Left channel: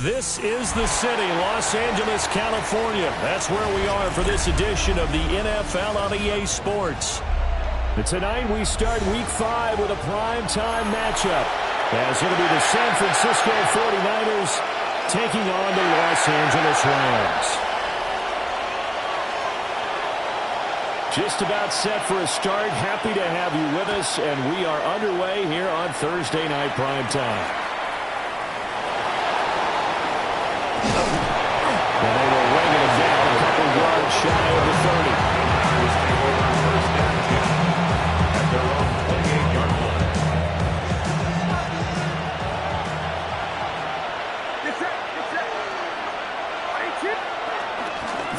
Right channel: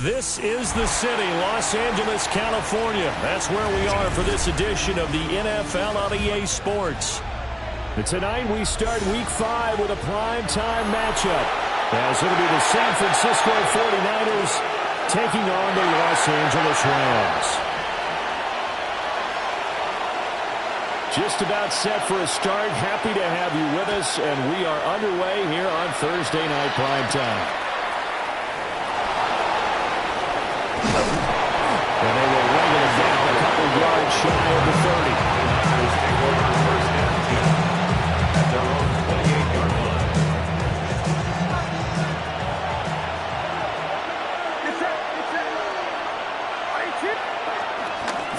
This is the city, Los Angeles, California. That's where we are for this edition of the NFL on EA Sports. And tonight we start Week 5 with a primetime matchup, as it'll be the San Francisco 49ers taking on the Los Angeles Rams. Just about set for a start. Happy to have you with us, and we are underway here on Thursday Night Primetime. And they will ring it down a couple yards shy of the 30. Niners take over first and 10 at their own 28-yard line.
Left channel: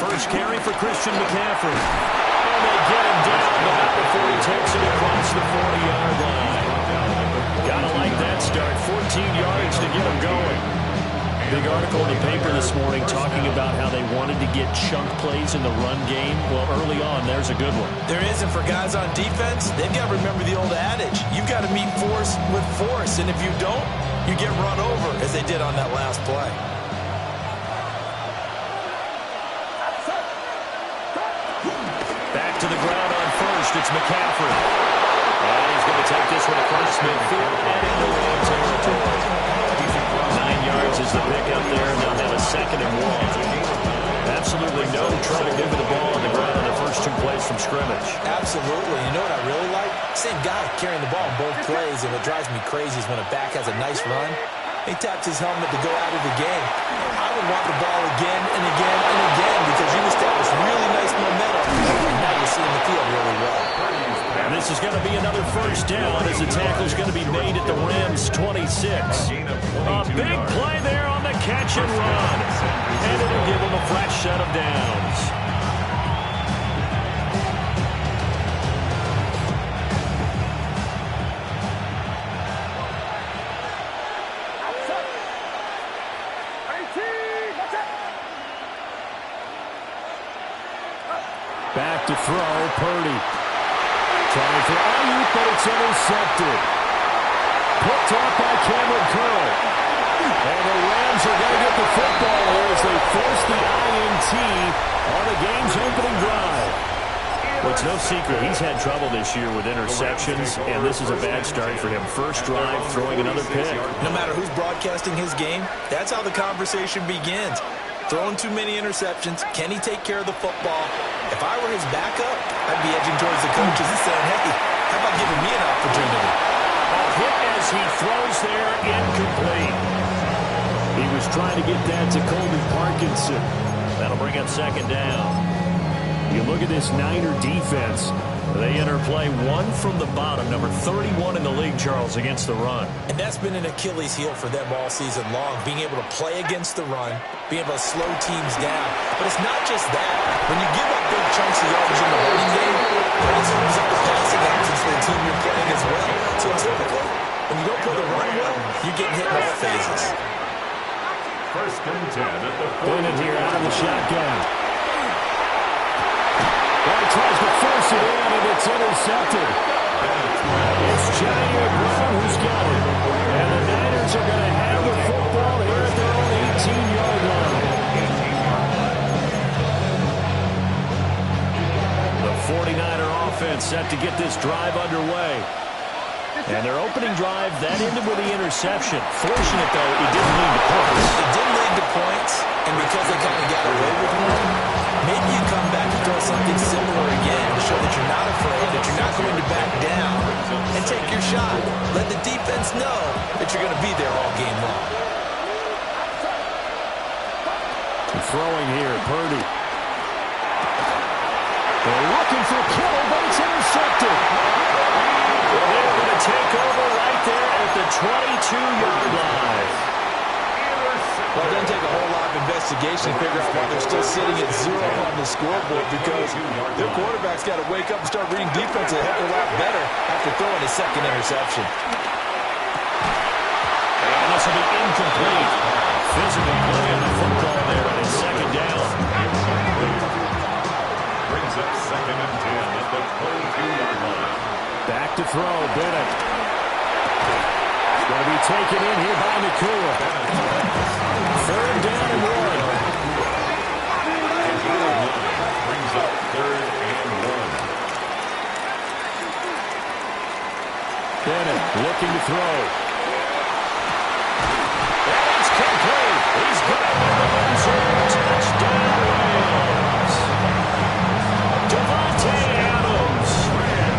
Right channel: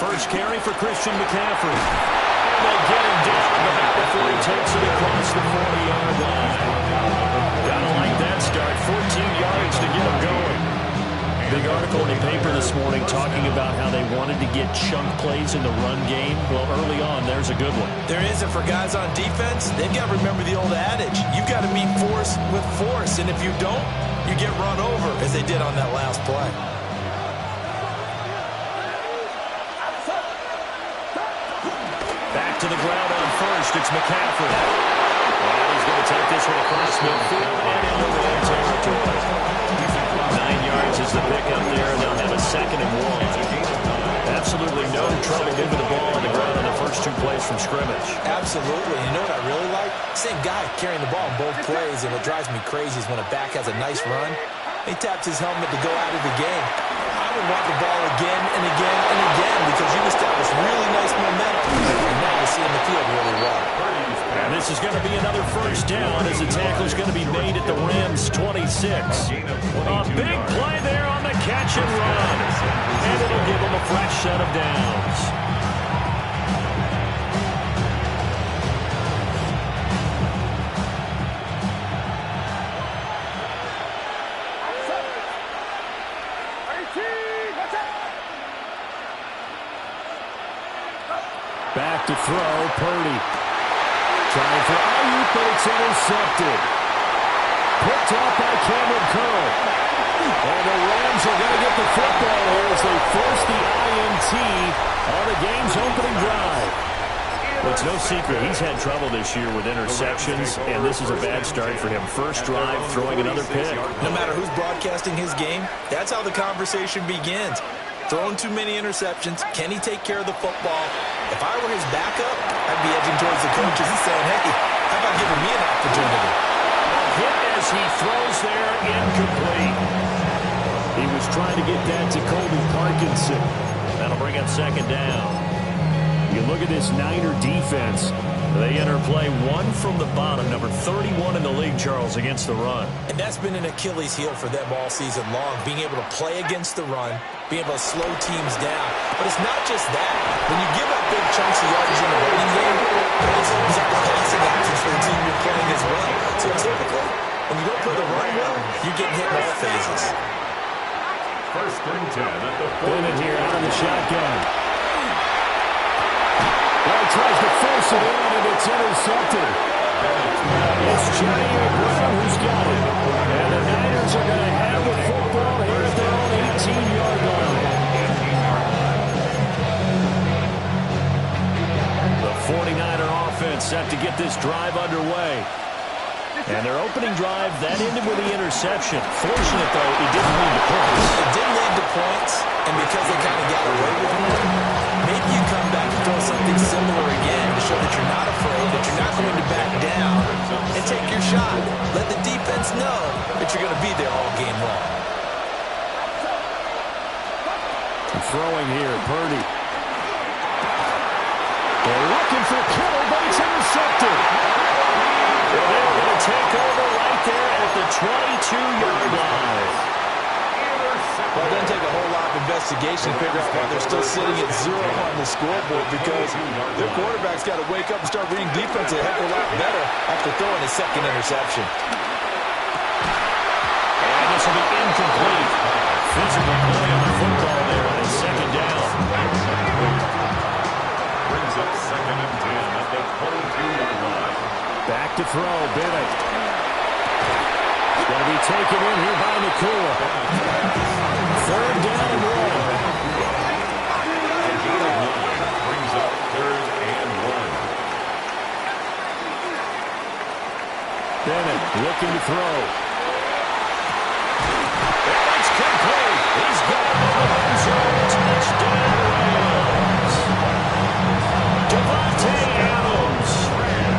First carry for Christian McCaffrey. And they get him down, but not before he takes it across the 40-yard line. Gotta like that start. 14 yards to get him going. Big article in the paper this morning talking about how they wanted to get chunk plays in the run game. Well, early on, there's a good one. There is, and for guys on defense, they've got to remember the old adage. You've got to meet force with force, and if you don't, you get run over, as they did on that last play. Back to the ground on first. It's McCaffrey. And he's going to take this one across midfield and into Ram territory. 9 yards is the pick up there, and they'll have a 2nd and 1. Absolutely no trouble moving the ball on the ground on the first 2 plays from scrimmage. Absolutely. You know what I really like? Same guy carrying the ball in both plays, and what drives me crazy is when a back has a nice run, he taps his helmet to go out of the game. I would want the ball again and again and again because you've established really nice momentum, and now you're seeing the field really well. And this is going to be another first down as the tackle is going to be made at the Rams' 26. A big play there on the catch and run. And it'll give them a fresh set of downs. Back to throw, Purdy. Trying for Ayuk, but it's intercepted. Picked off by Cameron Curl. And the Rams are going to get the football here as they force the INT on the game's opening drive. Well, it's no secret he's had trouble this year with interceptions, and this is a bad start for him. First drive, throwing another pick. No matter who's broadcasting his game, that's how the conversation begins. Throwing too many interceptions. Can he take care of the football? If I were his backup, I'd be edging towards the coaches and saying, hey, how about giving me an opportunity? Hit as he throws there, incomplete. He was trying to get that to Colby Parkinson. That'll bring up 2nd down. You look at this Niner defense. They enter play 1 from the bottom, number 31 in the league, Charles, against the run. And that's been an Achilles heel for them all season long, being able to play against the run, being able to slow teams down. But it's not just that. When you give up big chunks of yardage in the running game, it also opens up the passing options for the team you're playing as well. So typically, when you don't play the run well, you're getting hit in all phases. First and 10 at the 40. Bennett here out of the shotgun. Well, he tries to force it in, and it's intercepted. It's Jair Brown who's got it. And the Niners are going to have the football here at their own 18-yard line. The 49er offense set to get this drive underway. And their opening drive, that ended with the interception. Fortunate, though, it didn't lead to points. It didn't lead to points, and because they kind of got away with one, maybe you come back and throw something similar again to show that you're not afraid, that you're not going to back down, and take your shot. Let the defense know that you're going to be there all game long. Throwing here, Purdy. They're looking for Kittle, but it's intercepted. Well, they're going to take over right there at the 22-yard line. Well, it doesn't take a whole lot of investigation to figure out why they're still sitting at 0 on the scoreboard, because their quarterback's got to wake up and start reading defense a heck of a lot better after throwing his 2nd interception. And this will be incomplete. Physical play on the football there on his 2nd down. Brings up 2nd and 10 at the 22-yard line. Back to throw, Bennett. It's going to be taken in here by Nakua. Third down and 1. And gain of 9 brings up 3rd and 1. Bennett looking to throw. And it's complete. He's got it in the end zone. Touchdown, Rams. Davante Adams,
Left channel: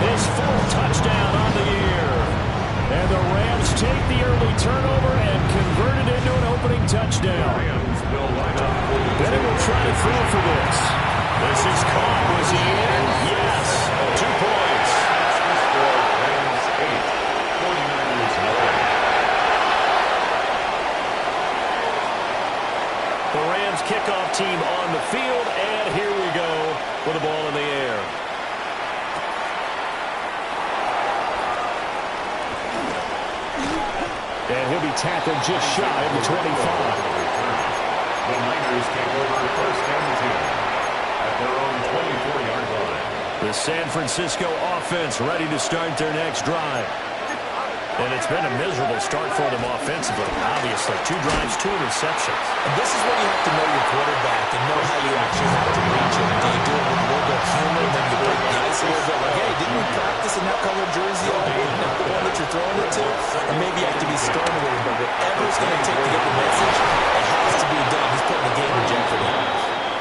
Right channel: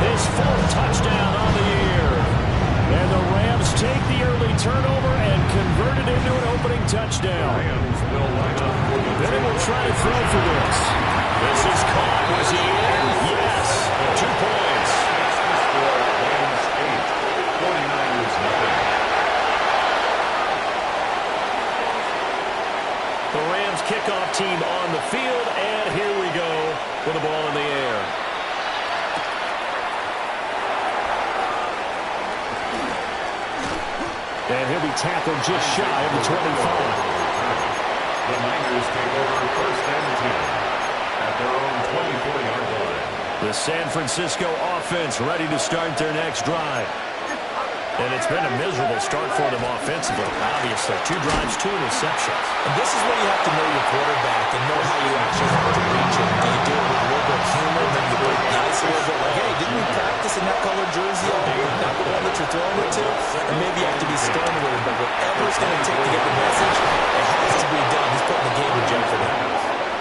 his 4th touchdown on the year. And the Rams take the early turnover and convert it into an opening touchdown. Rams will line up for the Bennett will try to throw for this. This is caught. Was he in? Yes. 2 points. Makes the score Rams 8, 49ers nothing. The Rams kickoff team on the field, and here we go with the ball in the air. And he'll be tackled just shy of the 25. The Niners take over 1st and 10 at their own 24-yard line. The San Francisco offense ready to start their next drive. And it's been a miserable start for them offensively. Obviously, 2 drives, 2 interceptions. And this is where you have to know your quarterback and know how you actually have to reach it. Do you do it with a little bit of humor, maybe you break the ice a little bit, like, hey, didn't we practice in that color jersey all day? Not the one that you're throwing it to? Or maybe you have to be stern with it, but whatever it's going to take to get the message, it has to be done. He's putting the game in jeopardy.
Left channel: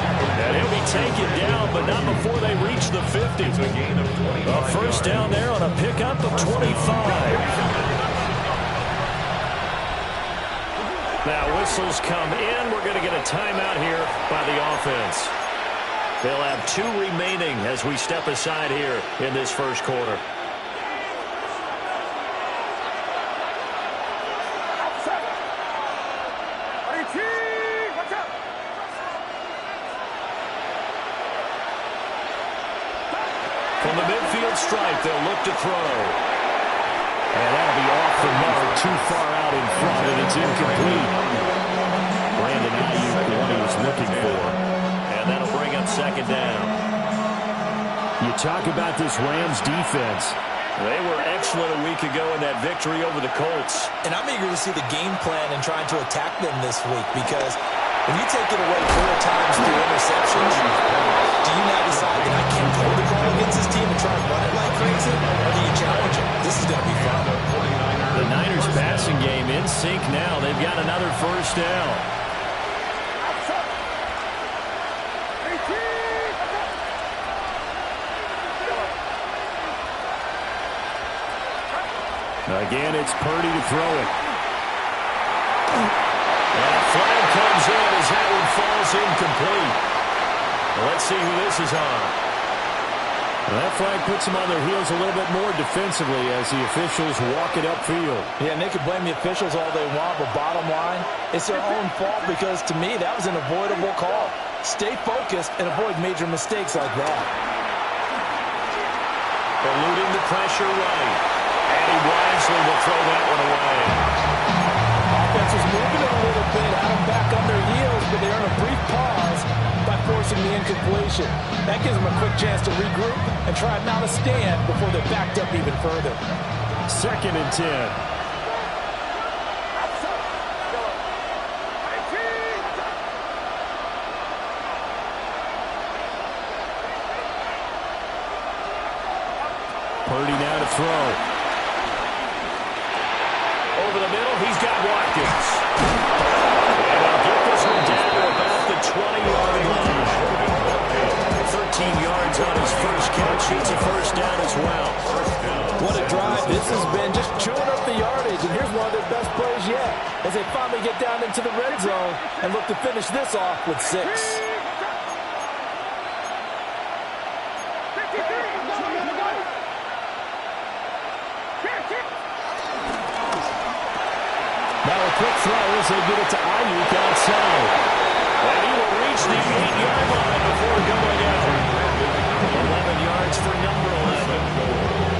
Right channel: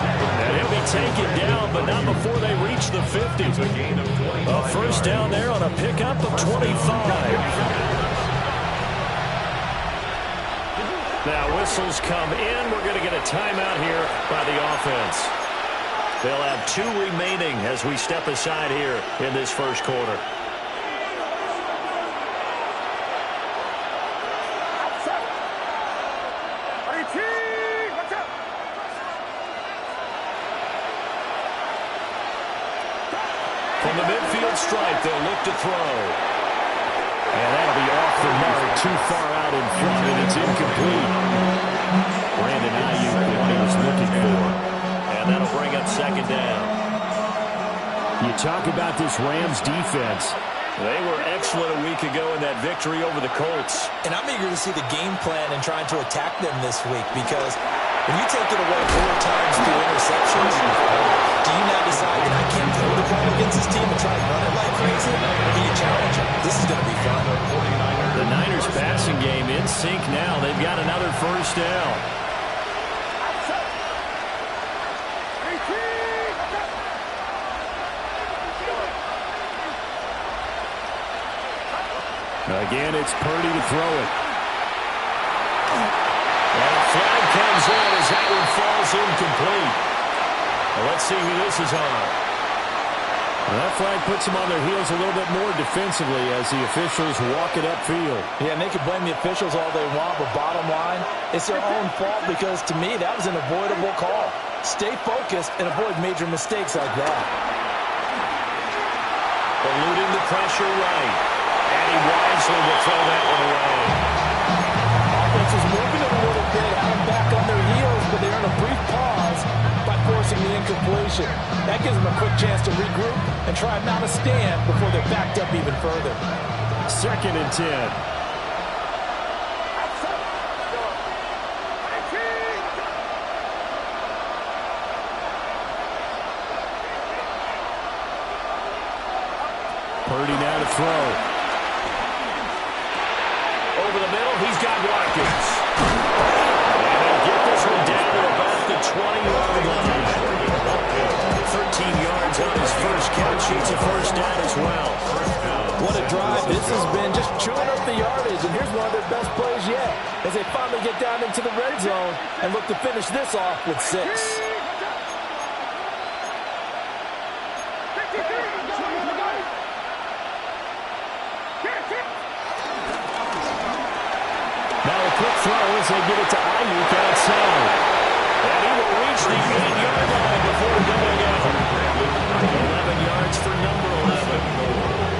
And he'll be taken down, but not before they reach the 50. It's a gain of 25 A first down there on a pickup of 25. Now whistles come in. We're going to get a timeout here by the offense. They'll have 2 remaining as we step aside here in this first quarter. From the midfield stripe, they'll look to throw. And that'll be off the mark, too far out in front, and it's incomplete. Brandon Ayuk, the one he was looking for. And that'll bring up 2nd down. You talk about this Rams defense. They were excellent a week ago in that victory over the Colts. And I'm eager to see the game plan and trying to attack them this week, because when you take it away 4 times through interceptions, do you now decide that I can't throw the ball against this team and try to run it like crazy? Or do you challenge them? This is going to be fun. The Niners passing game in sync now. They've got another first down. Again, it's Purdy to throw it. And a flag comes in as that one falls incomplete. Well, let's see who this is on. Well, that flag puts them on their heels a little bit more defensively as the officials walk it upfield. Yeah, and they can blame the officials all they want, but bottom line, it's their own fault, because to me, that was an avoidable call. Stay focused and avoid major mistakes like that. Eluding the pressure right. And he wisely will throw that one away. Offense was moving it a little bit, had them back on their heels, but they earned a brief pause by forcing the incompletion. That gives them a quick chance to regroup and try and mount a stand before they're backed up even further. 2nd and 10. Purdy now to throw. Over the middle, he's got Watkins. And he'll get this one down to about the 20-yard line. 13 yards on his first catch. It's a first down as well. What a drive. This has been just chewing up the yardage, and here's one of their best plays yet as they finally get down into the red zone and look to finish this off with 6. Now a quick throw as they get it to Ayuk outside. And he will reach the 8-yard line before going out. 11 yards for number 11.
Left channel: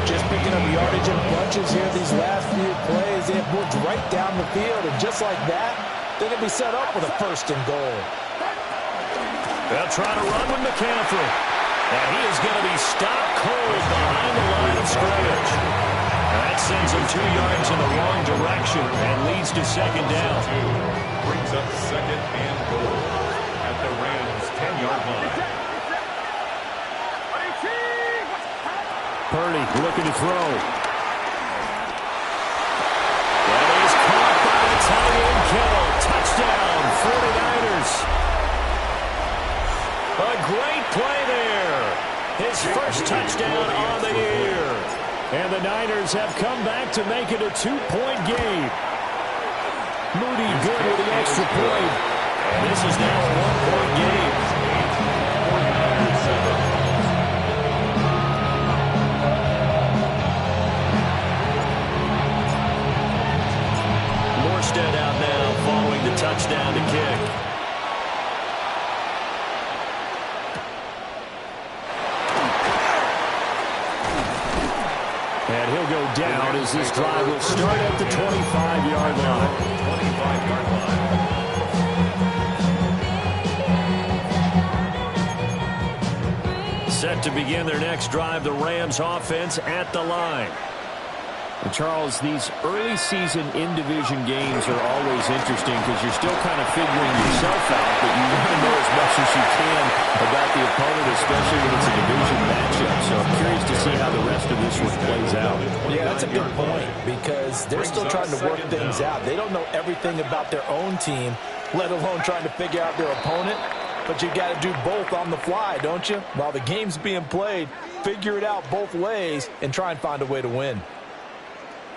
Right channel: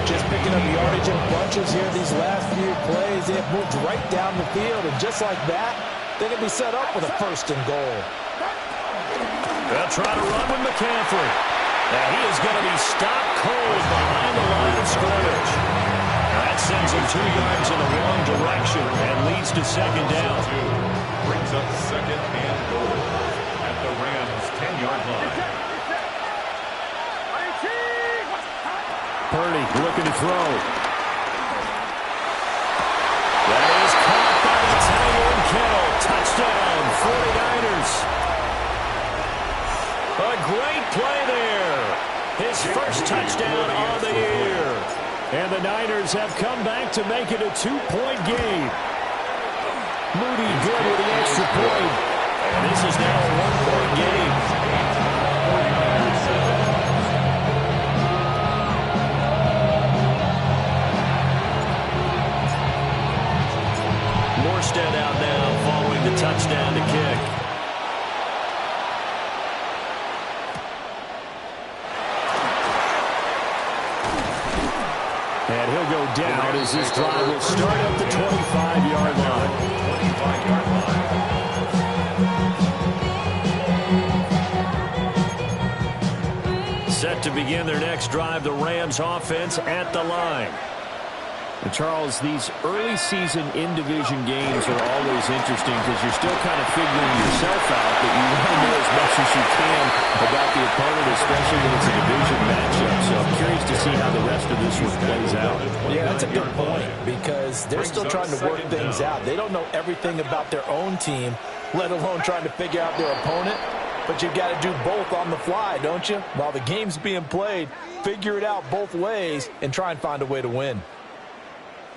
Just picking up yardage in bunches here these last few plays. They have moved right down the field, and just like that, they're going to be set up with a 1st and goal. They'll try to run with McCaffrey. And he is going to be stopped cold behind the line of scrimmage. That sends him 2 yards in the wrong direction and leads to second down. Brings up second and goal at the Rams' 10-yard line. Purdy looking to throw. That is caught by the tight end Kittle. Touchdown, 49ers. A great play there. His first touchdown on the year. And the Niners have come back to make it a 2-point game. Moody good with the extra point. And this is now a 1-point game. 49ers 7. Morstead out now following the touchdown to kick. And he'll go down as this drive will start at the 25-yard line. 25-yard line. Set to begin their next drive, the Rams offense at the line. And Charles, these early season in-division games are always interesting because you're still kind of figuring yourself out, but you want to know as much as you can about the opponent, especially when it's a division matchup. So I'm curious to see how the rest of this one plays out. Yeah, that's a good point because they're still trying to work things out. They don't know everything about their own team, let alone trying to figure out their opponent. But you've got to do both on the fly, don't you? While the game's being played, figure it out both ways and try and find a way to win.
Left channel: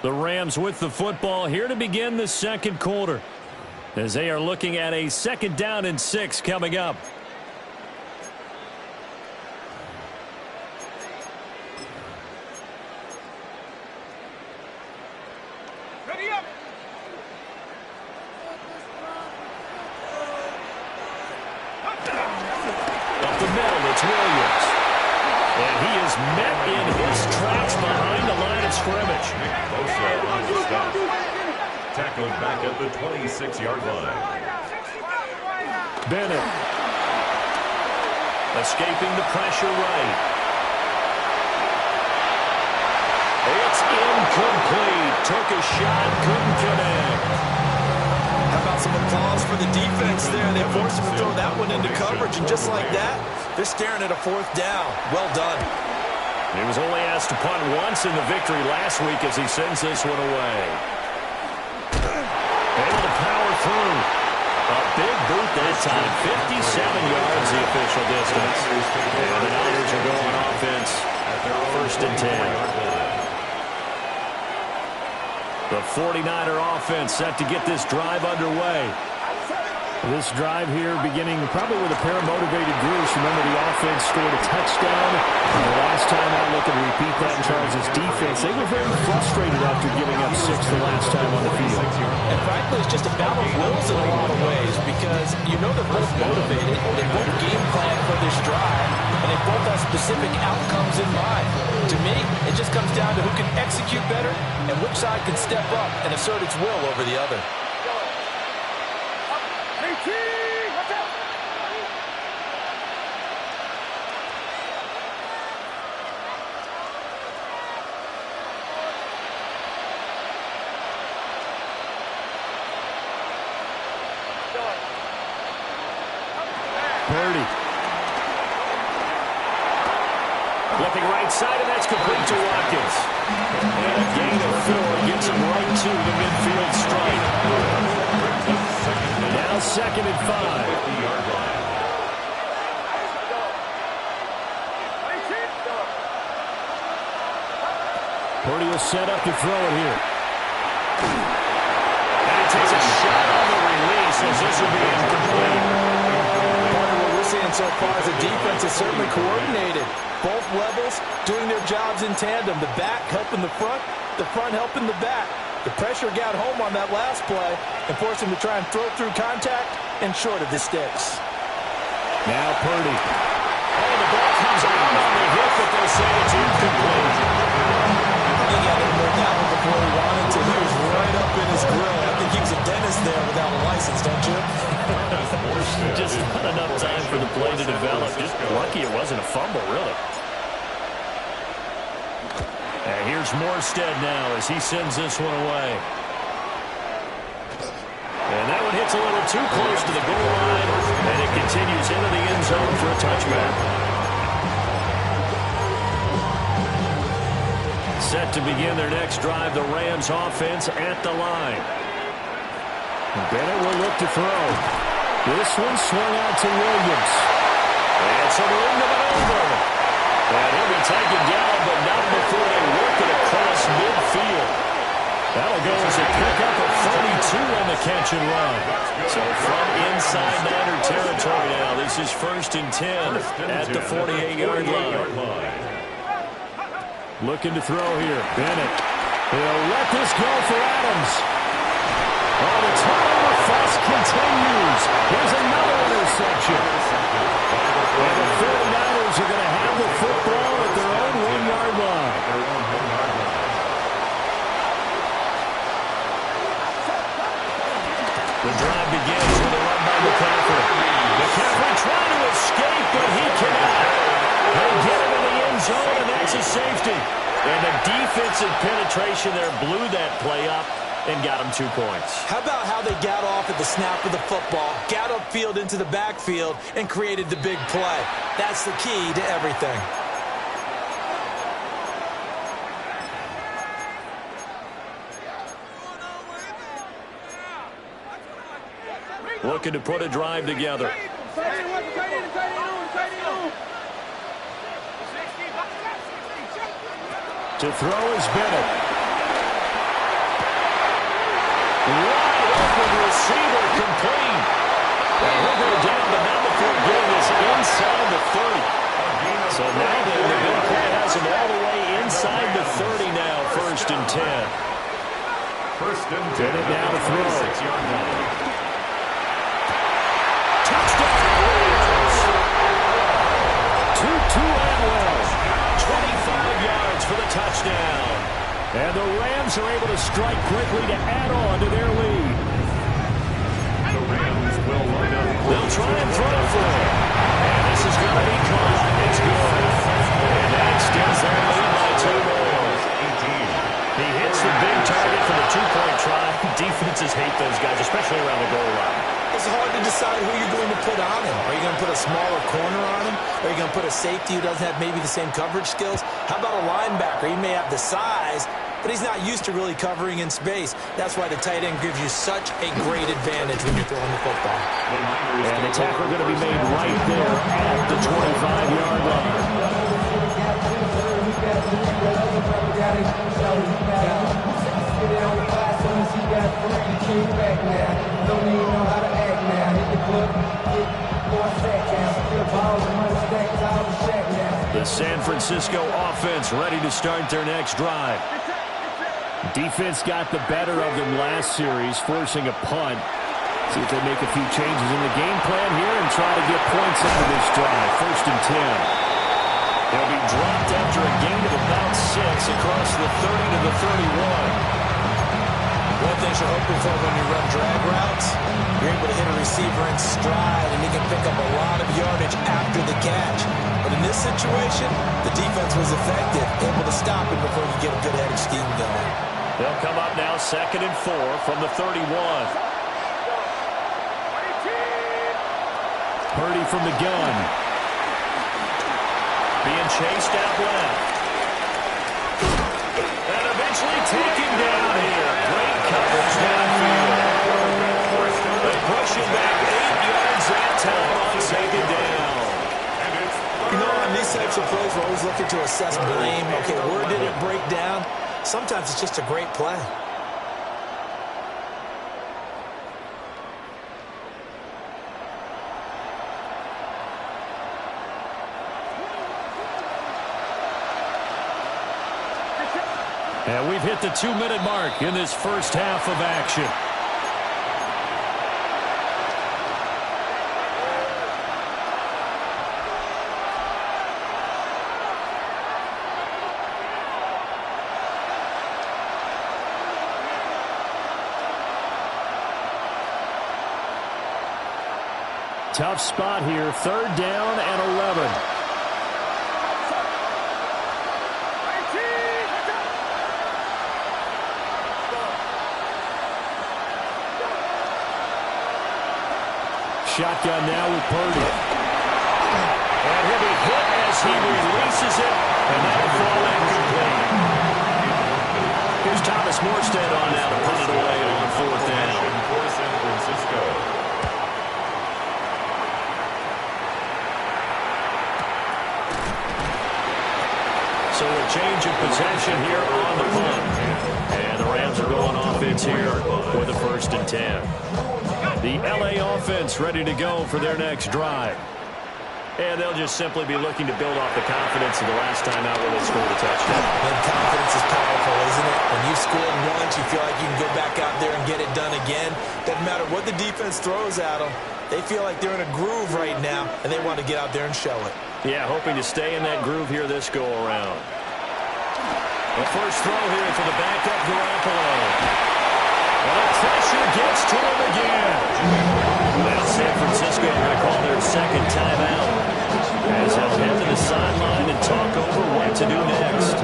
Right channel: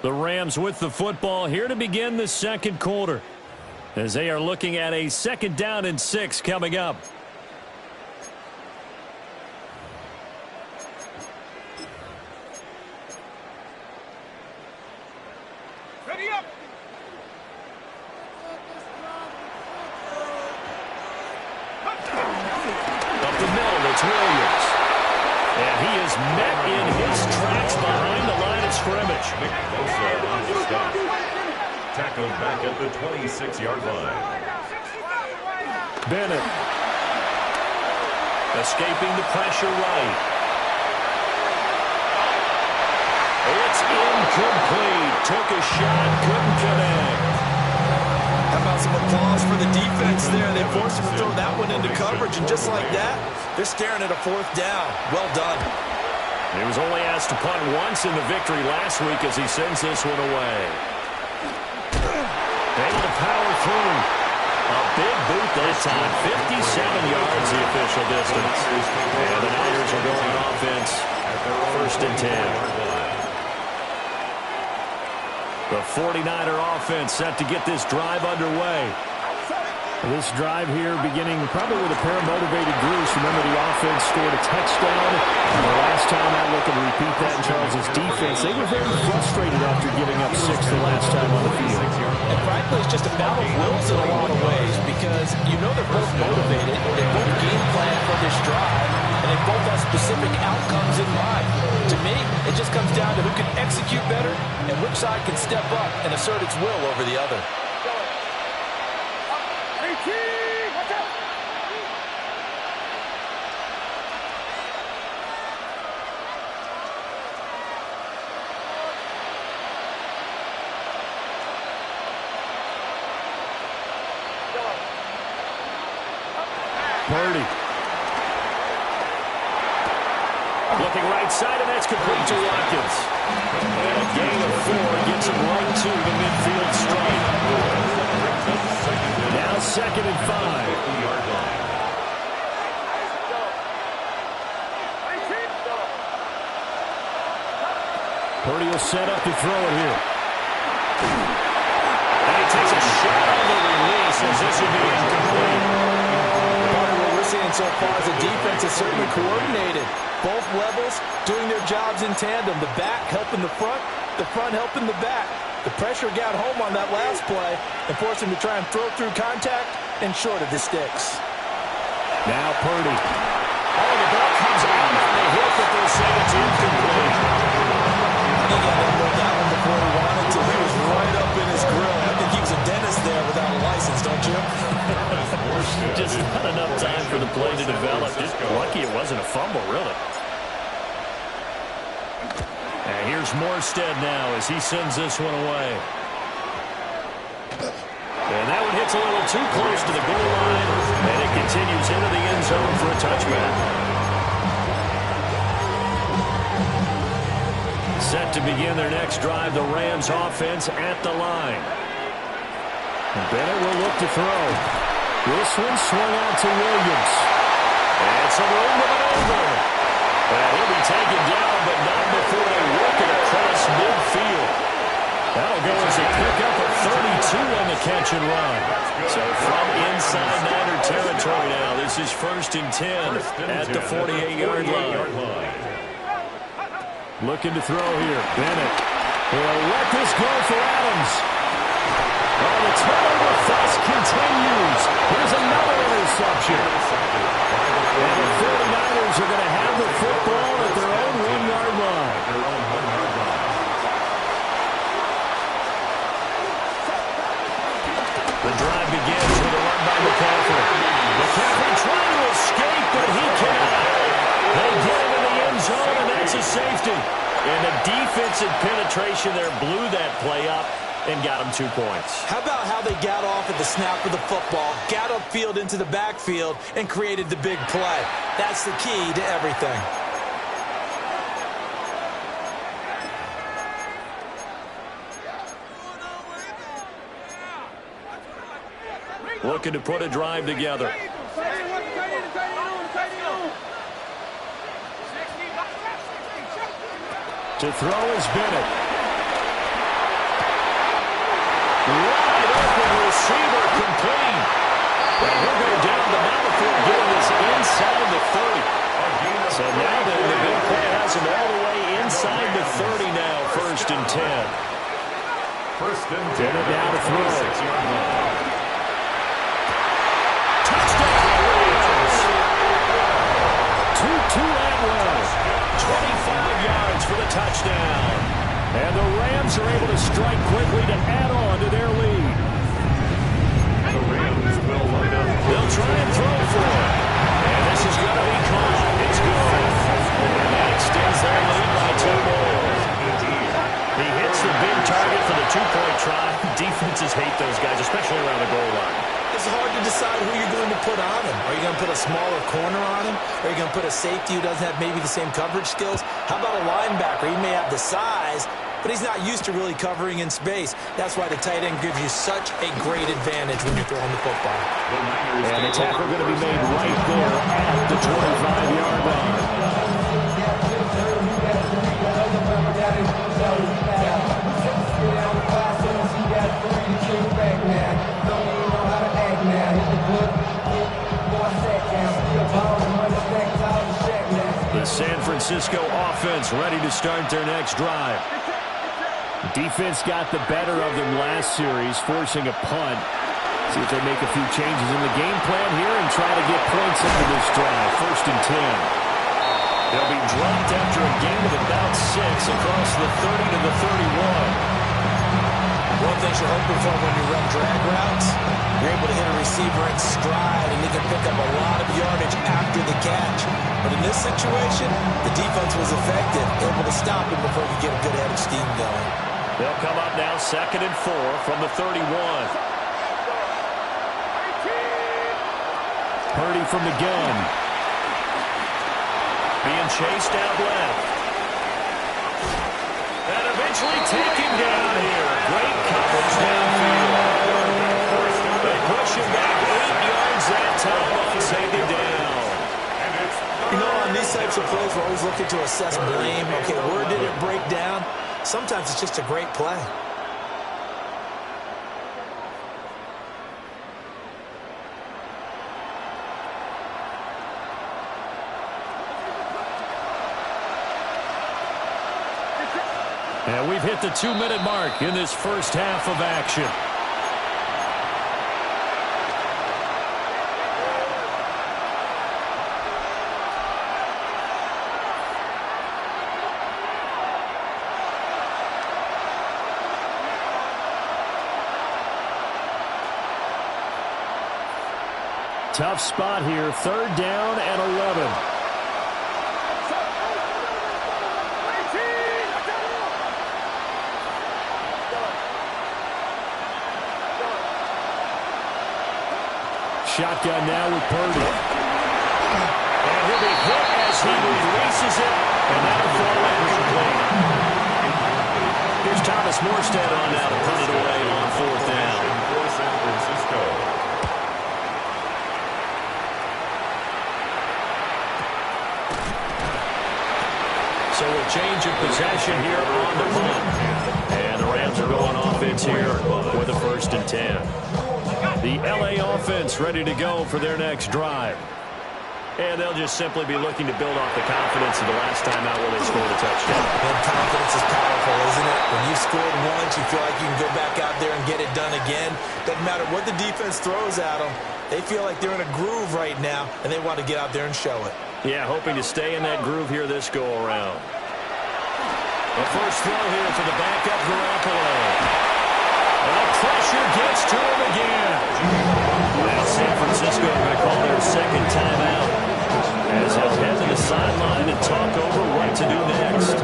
The Rams with the football here to begin the second quarter as they are looking at a 2nd down and 6 coming up. Ready up. Up the middle, it's Williams. And he is met in his tracks behind the line of scrimmage. Nick Bosa on the stop. Tackled back at the 26-yard line. Bennett. Escaping the pressure right. It's incomplete. Took a shot, couldn't connect. How about some applause for the defense there? They forced him to throw that one into coverage, and just like that, they're staring at a 4th down. Well done. He was only asked to punt once in the victory last week as he sends this one away. Able to power through. A big boot that time. 57 yards the official distance. And the Niners are going offense At their own 1st and 10. 24-yard line. The 49er offense set to get this drive underway. This drive here beginning probably with a pair of motivated groups. Remember, the offense scored a touchdown the last time out. Looking to repeat that in Charles's defense. They were very frustrated after giving up 6 the last time on the field. And frankly, it's just a battle of wills in a lot of ways because you know they're both motivated. They both game plan for this drive, and they both have specific outcomes in mind. To me, it just comes down to who can execute better and which side can step up and assert its will over the other. Purdy. Looking right side, and that's complete to Watkins. And a gain of 4 gets him right to the midfield stripe. Now 2nd and 5. 50-yard line. Purdy will set up to throw it here. And he takes a shot on the release as this will be incomplete. What we're seeing so far is the defense is certainly coordinated. Both levels doing their jobs in tandem. The back helping the front helping the back. The pressure got home on that last play and forced him to try and throw through contact and short of the sticks. Now Purdy. Oh, the ball comes out on the hit, but they'll say it's incomplete. He got to know that one before he wanted to. He was right up in his grill. I think he was a dentist there without a license, don't you? Just not enough time for the play to develop. Just lucky it wasn't a fumble, really. And here's Morstead now as he sends this one away. And that one hits a little too close to the goal line, and it continues into the end zone for a touchback. Set to begin their next drive, the Rams offense at the line. Bennett will look to throw. This one swung out to Williams. And some room to maneuver. And he'll be taken down, but not before they work it across midfield. That'll go as a pickup of 32 on the catch and run. So from inside Niner territory now, this is 1st and 10 at the 48-yard line. Looking to throw here. Bennett. He'll let this go for Adams. Oh, the turnover fuss continues. Here's another interception. And the 49ers are going to have the football at their own 1-yard line. The drive begins with a run by McCaffrey. McCaffrey trying to escape, but he cannot. They get him in the end zone, and that's a safety. And the defensive penetration there blew that play up and got him 2 points. How about how they got off at the snap of the football, got upfield into the backfield, and created the big play? That's the key to everything. Looking to put a drive together. To throw is Bennett. Wide open receiver complete. And he'll go down, but not before getting this inside the 30. So now the big play has him all the way inside the 30 now, 1st and 10. Bennett now to throw. 6-yard line. Touchdown, Rams. Tutu Atwell, 25 yards for the touchdown. And the Rams are able to strike quickly to add on to their lead. The Rams will line up. They'll try and throw for it. And this is going to be caught. It's good. And that extends their lead by 2 more. He hits the big target for the 2-point try. Defenses hate those guys, especially around the goal line. It's hard to decide who you're going to put on him. Are you going to put a smaller corner on him? Are you going to put a safety who doesn't have maybe the same coverage skills? How about a linebacker? He may have the size, but he's not used to really covering in space. That's why the tight end gives you such a great advantage when you're throwing the football. And the tackle going to be made right there at the 25-yard line. The San Francisco offense ready to start their next drive. Defense got the better of them last series, forcing a punt. See if they make a few changes in the game plan here and try to get points into this drive. 1st and 10. They'll be dropped after a gain of about 6 across the 30 to the 31. One thing you're hoping for when you run drag routes, you're able to hit a receiver in stride, and he can pick up a lot of yardage after the catch. But in this situation, the defense was effective, able to stop him before he could get a good head of steam going. They'll come up now 2nd and 4 from the 31. Purdy from the gun. Being chased out left. And eventually taken down here. Great coverage downfield. They push him back 8 yards that time on 2nd down. You know, on these types of plays, we're always looking to assess blame. Okay, where did it break down? Sometimes it's just a great play. And we've hit the 2-minute mark in this first half of action. Tough spot here, 3rd down and 11. shotgun now with Purdy. And he'll be hit as he releases it, and that'll fall incomplete. Here's Thomas Morstead on now to put it away on 4th down. For San Francisco. So a change of possession here on the punt. And the Rams are going offense here with a 1st and 10. The LA offense ready to go for their next drive. And they'll just simply be looking to build off the confidence of the last time out where they scored a touchdown. And confidence is powerful, isn't it? When you've scored once, you feel like you can go back out there and get it done again. Doesn't matter what the defense throws at them. They feel like they're in a groove right now, and they want to get out there and show it. Yeah, hoping to stay in that groove here this go-around. The first throw here for the backup Garoppolo. And the pressure gets to him again. Now San Francisco are going to call their second timeout as they'll head to the sideline and talk over what to do next.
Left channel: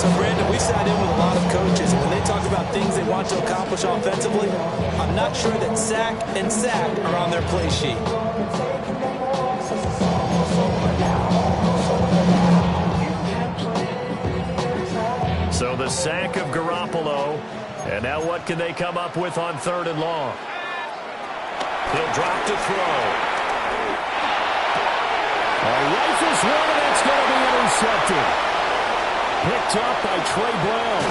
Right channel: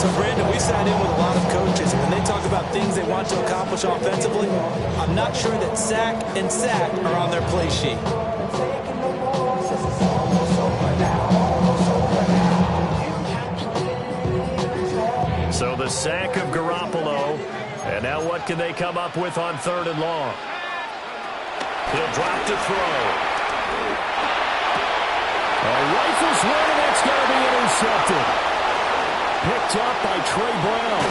So, Brandon, we sat in with a lot of coaches, and when they talk about things they want to accomplish offensively, I'm not sure that sack and sack are on their play sheet. So the sack of Garoppolo. And now what can they come up with on 3rd and long? He'll drop to throw. Rifles one, and that's going to be intercepted. Picked up by Trey Brown.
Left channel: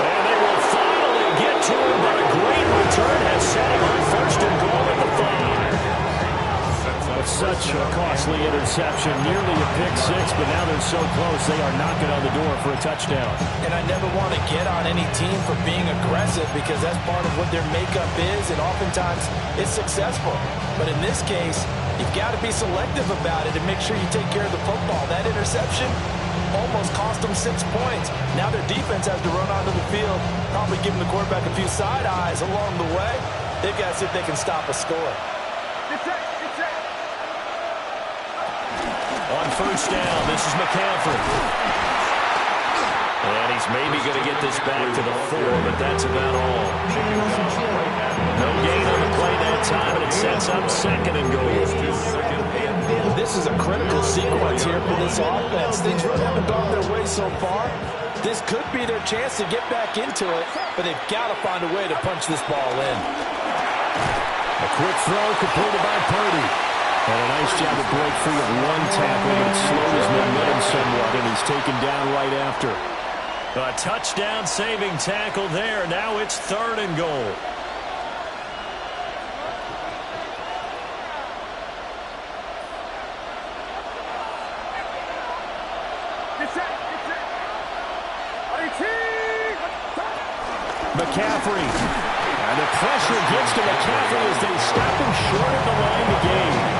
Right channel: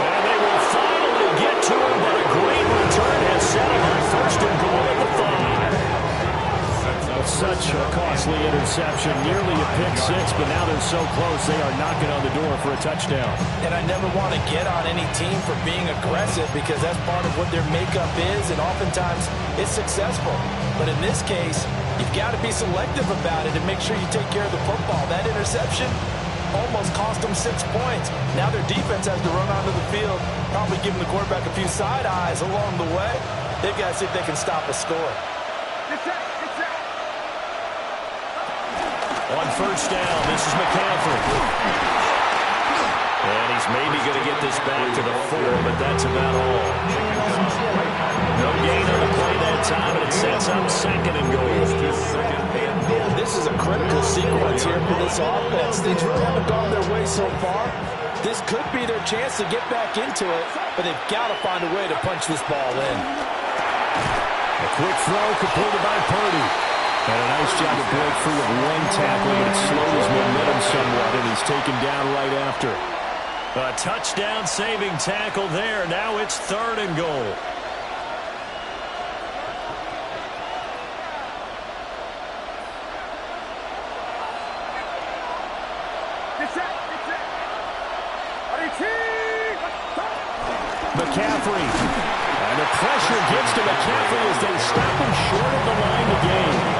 And they will finally get to him, but a great return has set him on 1st and goal at the 5. Such a costly interception, nearly a pick six, but now they're so close they are knocking on the door for a touchdown. And I never want to get on any team for being aggressive because that's part of what their makeup is, and oftentimes it's successful. But in this case, you've got to be selective about it and make sure you take care of the football. That interception almost cost them 6 points. Now their defense has to run onto the field, probably giving the quarterback a few side eyes along the way. They've got to see if they can stop a score. On 1st down, this is McCaffrey. And he's maybe going to get this back to the 4, but that's about all. No gain on the play that time, and it sets up 2nd and goal. This is a critical sequence here for this offense. Things really haven't gone their way so far. This could be their chance to get back into it, but they've got to find a way to punch this ball in. A quick throw completed by Purdy. And a nice job to break free of one tackle, but it slowed his momentum somewhat, and he's taken down right after. A touchdown-saving tackle there. Now it's 3rd and goal. McCaffrey. And the pressure gets to McCaffrey as they stop him short of the line to gain.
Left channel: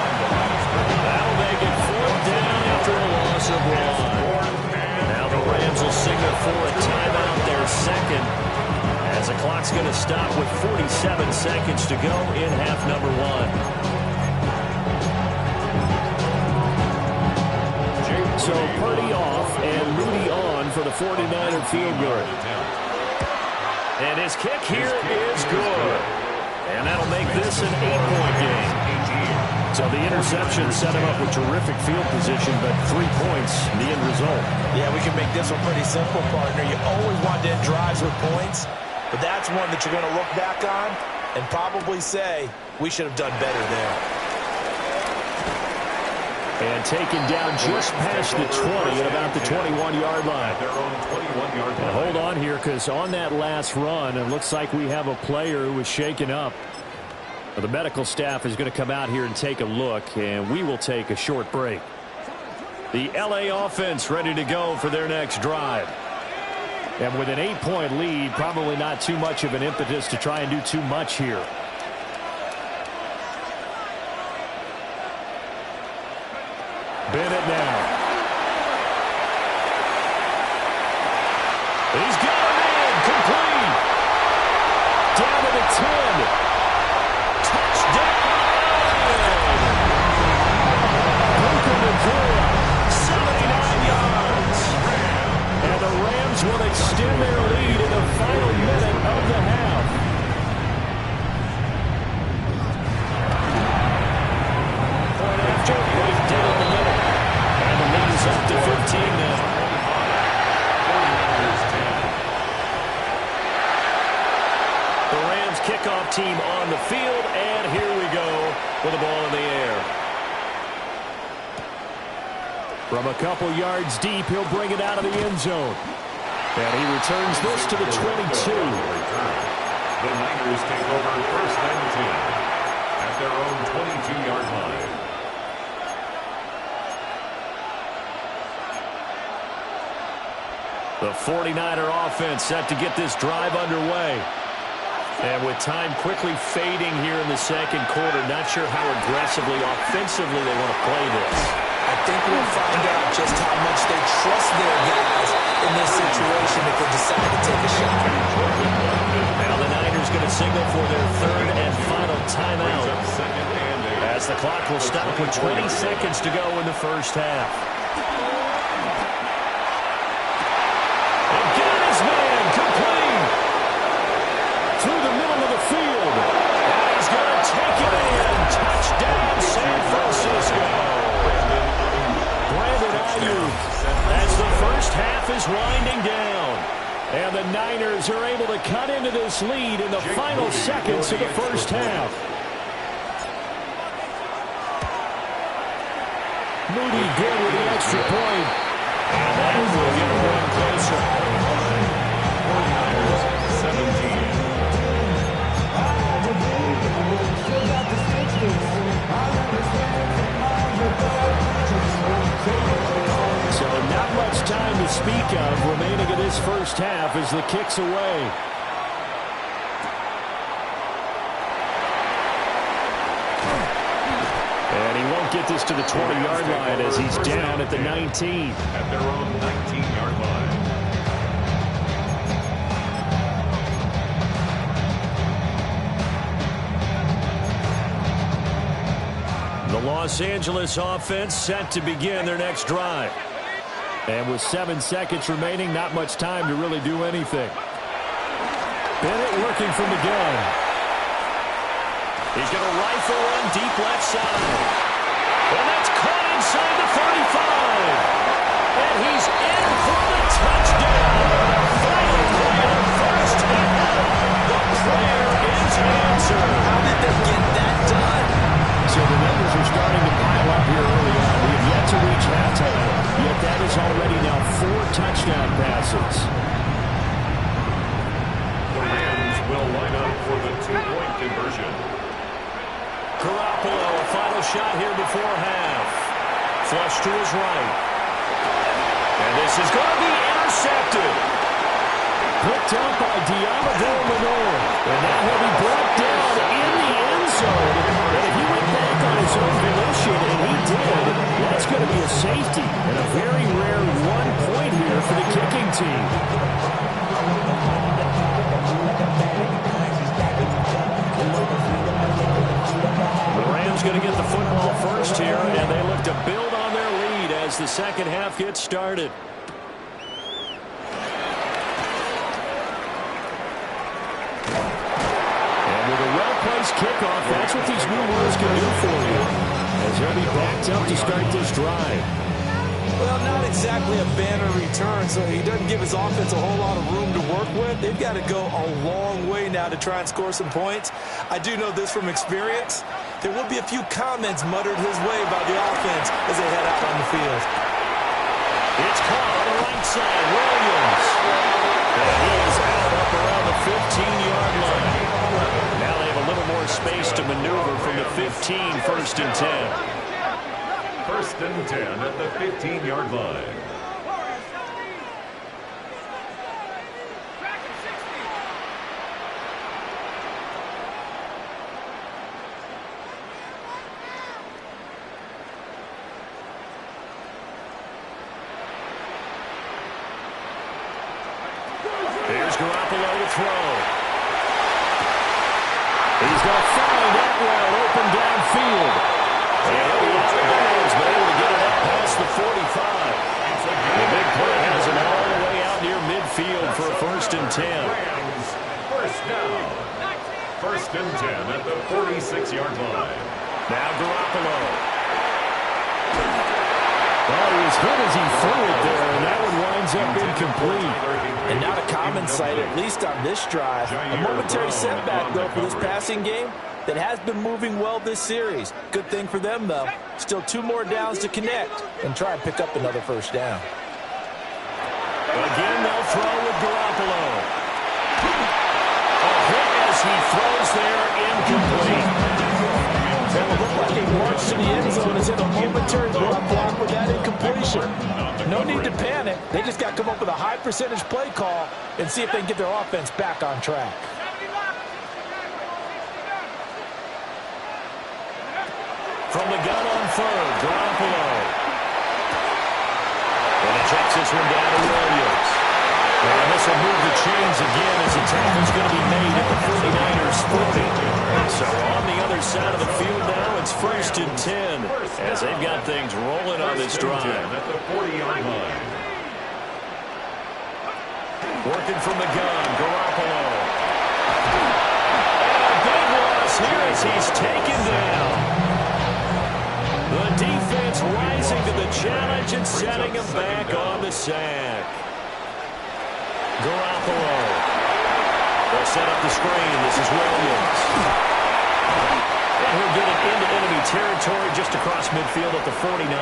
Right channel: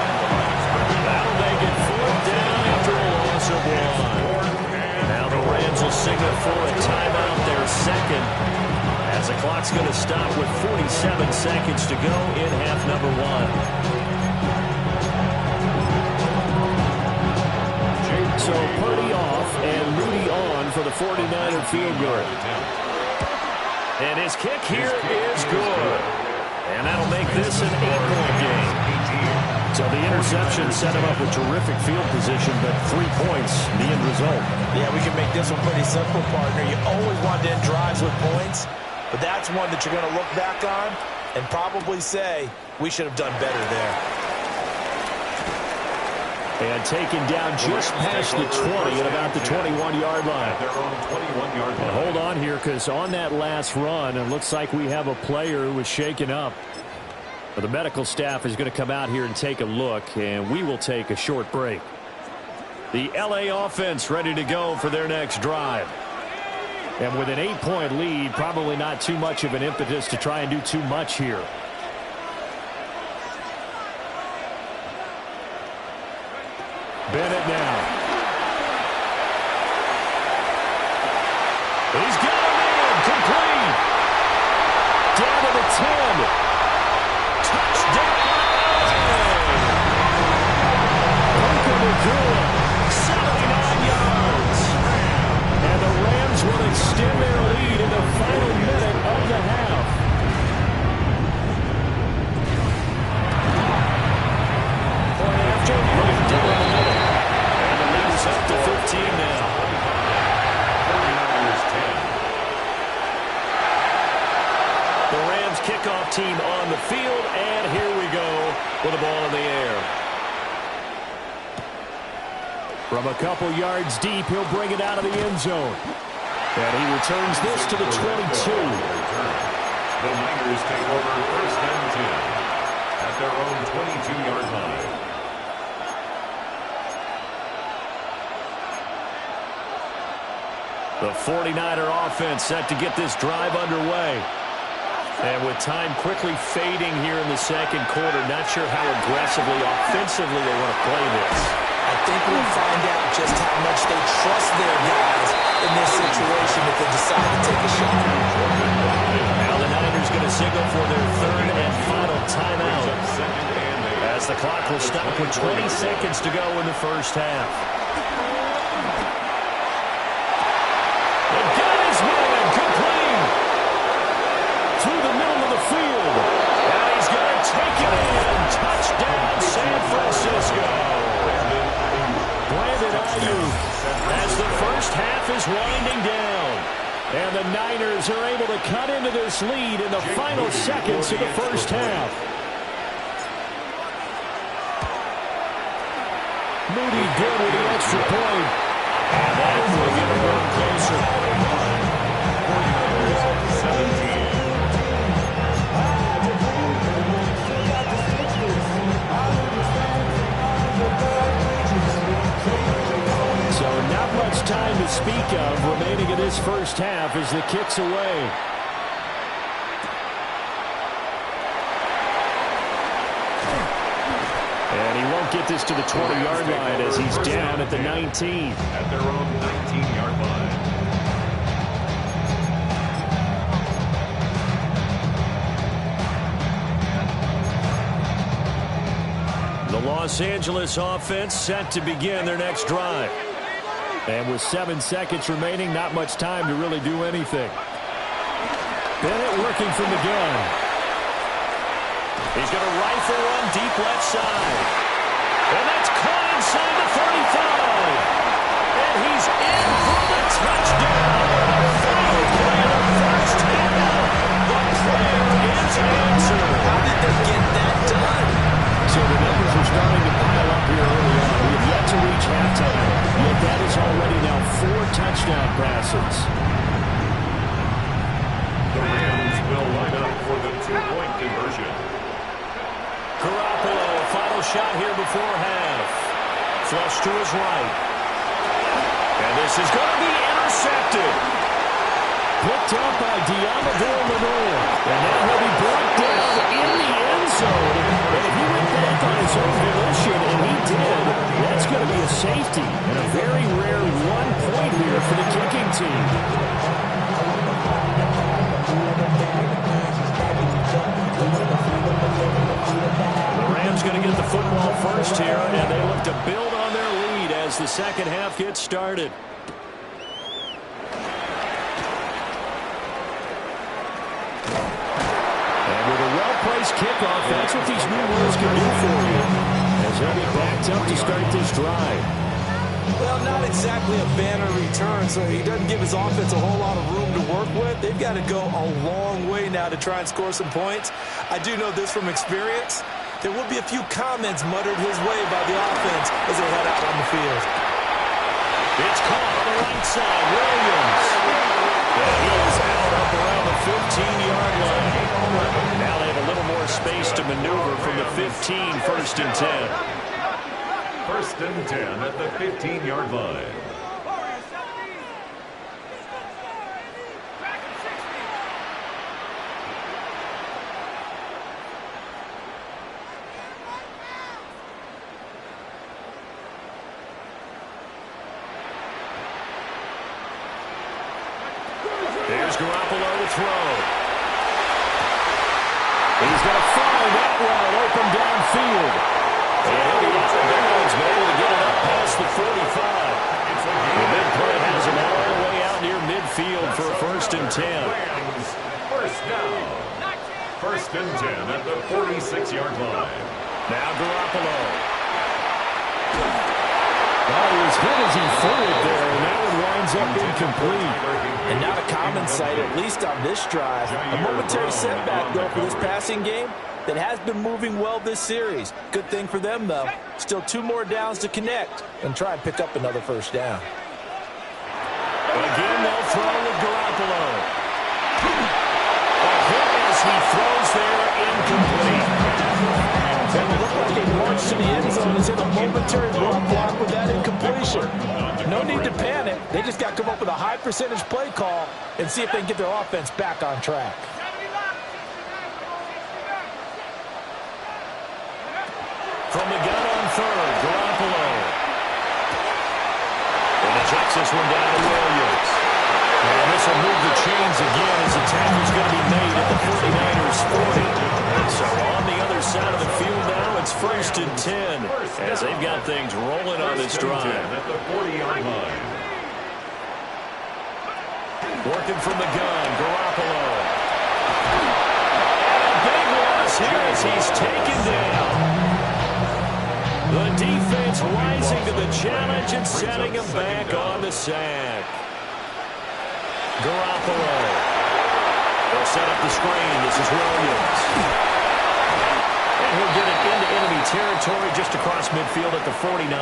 That'll make it 4th down after a loss of 1. Now the Rams will signal for a timeout, their 2nd, as the clock's going to stop with 47 seconds to go in half number 1. So Purdy off and Moody on for the 49er field goal. And his kick here is good. And that'll make this an 8-point game. So the interception set him up with terrific field position, but 3 points, the end result. Yeah, we can make this one pretty simple, partner. You always want to end drives with points, but that's one that you're going to look back on and probably say, we should have done better there. And taken down just past the 20 at about the 21-yard line. Their own 21-yard line. And hold on here, because on that last run, it looks like we have a player who was shaken up. The medical staff is going to come out here and take a look, and we will take a short break. The LA offense ready to go for their next drive. And with an 8-point lead, probably not too much of an impetus to try and do too much here. Bennett now. He's got him in. Complete. Down to the 10. Touchdown. Puka Nacua, 79 yards. And the Rams will extend their lead in the final minute of the half. now. 49ers 10. The Rams kickoff team on the field, and here we go with the ball in the air. From a couple yards deep, he'll bring it out of the end zone. And he returns this to the 22. The Niners take over 1st and 10 at their own 22-yard line. The 49er offense set to get this drive underway. And with time quickly fading here in the second quarter, not sure how aggressively, offensively they want to play this. I think we'll find out just how much they trust their guys in this situation if they decide to take a shot. Now the Niners going to signal for their 3rd and final timeout, as the clock will stop with 20 seconds to go in the first half. And got his man complete through the middle of the field. And he's going to take it in. Touchdown, San Francisco. Brandon Ayuk, as the first half is winding down. And the Niners are able to cut into this lead in the final seconds of the first half. Moody good with the extra point. And that will get him one closer. 49ers 17. So not much time to speak of remaining in this first half as the kick's away. And he won't get this to the 20-yard line as he's down at the 19. At their own 19-yard line. The Los Angeles offense set to begin their next drive. And with 7 seconds remaining, not much time to really do anything. Bennett working from the gun. He's going to rifle one deep left side. And that's caught inside the 35. And he's in for the touchdown. The final play of the first half. The prayer is answered. How did they get that done? So the numbers are starting to pile up here early on. We have yet to reach halftime, yet that is already now 4 touchdown passes. The Rams will line up for the 2-point conversion. Garoppolo, a final shot here before half. Flush to his right. And this is going to be intercepted. Picked up by Diamador Lenore. And now he'll be brought down in the end zone. And if he went back on his own volition, and he did, that's going to be a safety. And a very rare 1 point here for the kicking team. The Rams going to get the football first here, and they look to build on their lead as the second half gets started. Well-placed kickoff, that's what these new rules can do for you, as he'll be backed up to start this drive. Well, not exactly a banner return, so he doesn't give his offense a whole lot of room to work with. They've got to go a long way now to try and score some points. I do know this from experience. There will be a few comments muttered his way by the offense as they head out on the field. It's caught on the right side, Williams. And he is out up around the 15-yard line. Now they have a little more space to maneuver from the 15, 1st and 10. 1st and 10 at the 15-yard line. Here's Garoppolo to throw. He's going to find Atwell open downfield. And he'll be out of bounds, but able to get it up past the 45. The big play has him all the way out near midfield for a 1st and 10. First down. 1st and 10 at the 46-yard line. Now Garoppolo. Oh, he was hit as he threw it there, and that one winds up incomplete. And not a common sight, at least on this drive. A momentary setback, though, for this passing game that has been moving well this series. Good thing for them, though. Still 2 more downs to connect and try and pick up another first down. Again, they'll throw with Garoppolo. A hit as he throws there, incomplete. It will look like a march to the end zone is in a momentary block with that incompletion. No need to panic. They just got to come up with a high percentage play call and see if they can get their offense back on track. From the gun on third, Garoppolo. And he checks this one down to Williams. And this will move the chains again as the tackle's going to be made at the 49ers 40. So on the other side of the field now, it's 1st and 10 as they've got things rolling on this drive. At the 40-yard line. Working from the gun, Garoppolo. And a big loss here as he's taken down. The defense rising to the challenge and setting him back on the sack. Garoppolo. They'll set up the screen. This is Williams. And he'll get it into enemy territory just across midfield at the 49.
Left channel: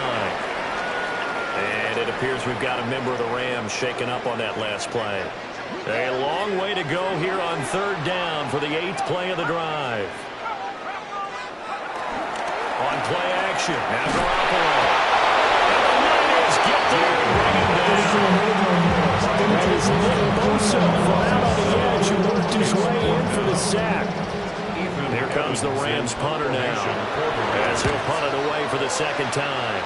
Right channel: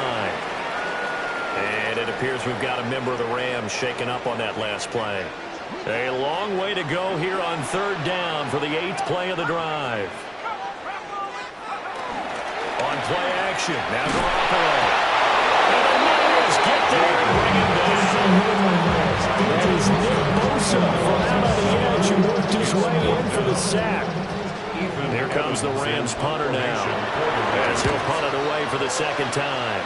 And it appears we've got a member of the Rams shaken up on that last play. A long way to go here on 3rd down for the 8th play of the drive. On play action, now Garoppolo. And the Niners get there and bring him down. That is Nick Bosa from out on the edge who worked his way in for the sack. Here comes the Rams punter now as he'll punt it away for the 2nd time.